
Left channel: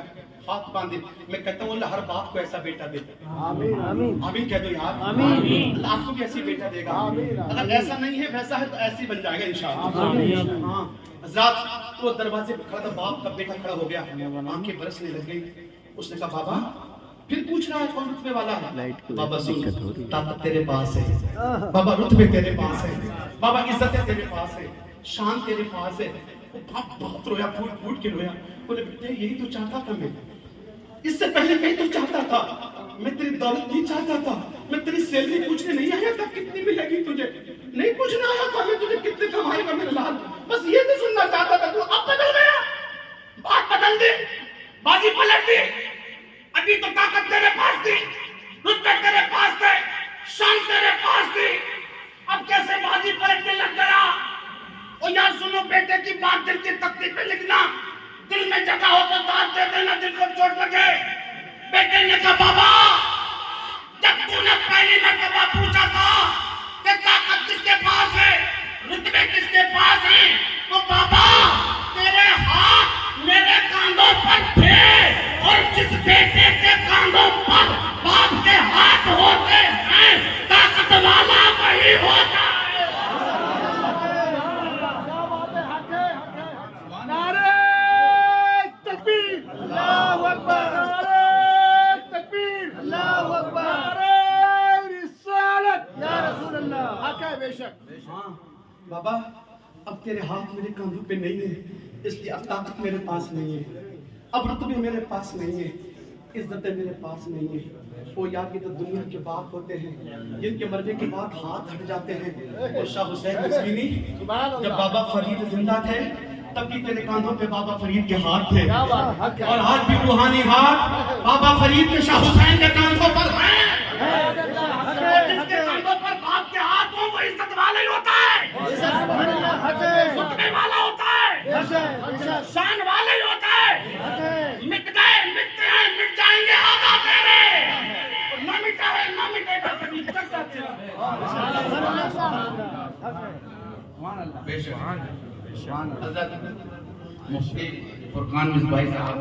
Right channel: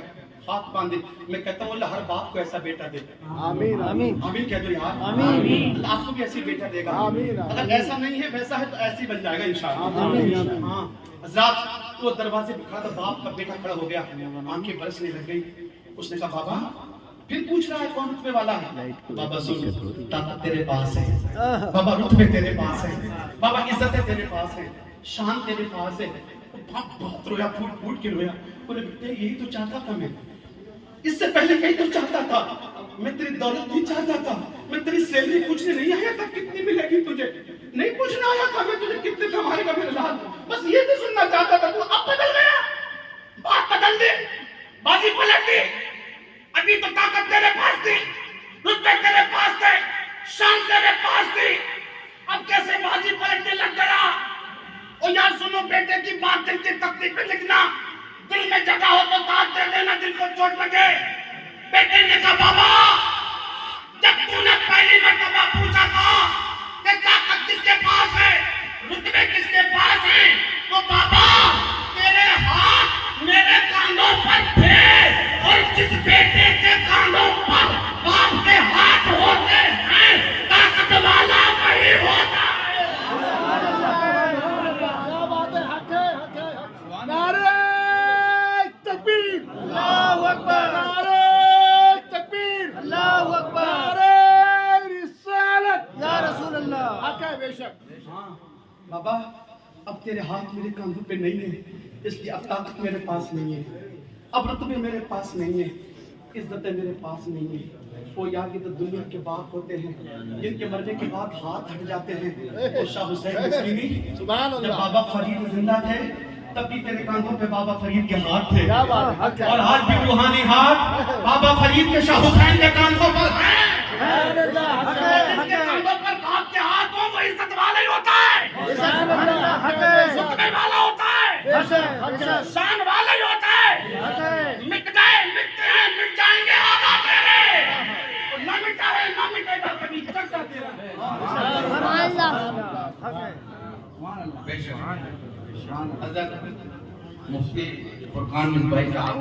हाथ बांधे। मैं कहता हूँ अल्लाह हर बाप को ऐसा बेटा दे। आमीन आमीन आमीन कह दो यार। आमीन। अल्लाह आपको भी ऐसी बेटा देगा। आमीन। अगर ऐसा नहीं है वैसा है तो ऐसी बन जाएगा इंशाअल्लाह। आमीन। हाँ हजरात वो दरवाजे पे खड़ा था, बाप का बेटा खड़ा हो गया, आंखें बरसने लग गई। उसने कहा बाबा, फिर पूछ रहा है कौन रुतबे वाला है? बाबा सुन, ताकत तेरे पास है बाबा, रुतबे तेरे पास है बाबा, इज्जत तेरे पास है, शान तेरे पास है। बाप बहुत रोया, फूट फूट के रोया। बोले बेटे यही तो चाहता था मैं, इससे पहले यही तो चाहता था मैं, तेरी दौलत नहीं चाहता था, मैं तेरी सैलरी पूछने नहीं आया था कितनी मिलेगी तुझे, नहीं पूछने आया था मैं तुझे कितने कमाएगा मेरे लाल, बस ये तो सुनना चाहता था। तू अब बदल गया, बात बदल दी, बाजी पलट दी। अभी तो ताकत तेरे पास थी, रुतबे तेरे पास थे, शान तेरे पास थी, अब कैसे बाजी पलटने लग गया? और यार सुनो, बेटे की बात दिल की तख्ती पे लिखना, दिल में जगह हो तो दाद दे देना, दिल को चोट लगे। बेटे ने कहा बाबा जब तूने पहली मर्तबा पूछा था कि ताकत किसके पास है, रुतबे किसके पास है, तो बाबा तेरे हाथ मेरे कांधों पर थे, और जिस बेटे के कांधों पर बाप के हाथ होते हैं ताकत वाला वही होता है। नारे तकबीर, अल्लाहू अकबर, नारे तकबीर, अल्लाहू अकबर, नारे रिसालत या रसूल अल्लाह। हक है बेशक। हाँ बाबा अब तेरे हाथ मेरे कांधों पे नहीं है, इसलिए अब ताकत मेरे पास नहीं है, अब रुतबे मेरे पास नहीं है, इज्जतें मेरे पास नहीं है। वो यार ये तो दुनिया के बाप होते हैं जिनके मरने के बाद हाथ हट जाते हैं। और शाह हुसैन नसरीनी जब बाबा फरीद जिंदा थे तब भी तेरे कांधों पे बाबा फरीद के हाथ थे, और आज भी रूहानी हाथ बाबा फरीद के, शाह हुसैन के कांधों पर हैं। जिसके कांधों पर बाप के हाथ हो वो इज्जत वाला ही होता है। झुकने वाला होता है, शान वाला ही होता है। मिट गए, मिटते हैं, मिट जाएंगे आधा तेरे, न मिटा है न मिटेगा कभी चलता तेरा। हज़रत मुफ्ती फुरकान मिसबाही साहब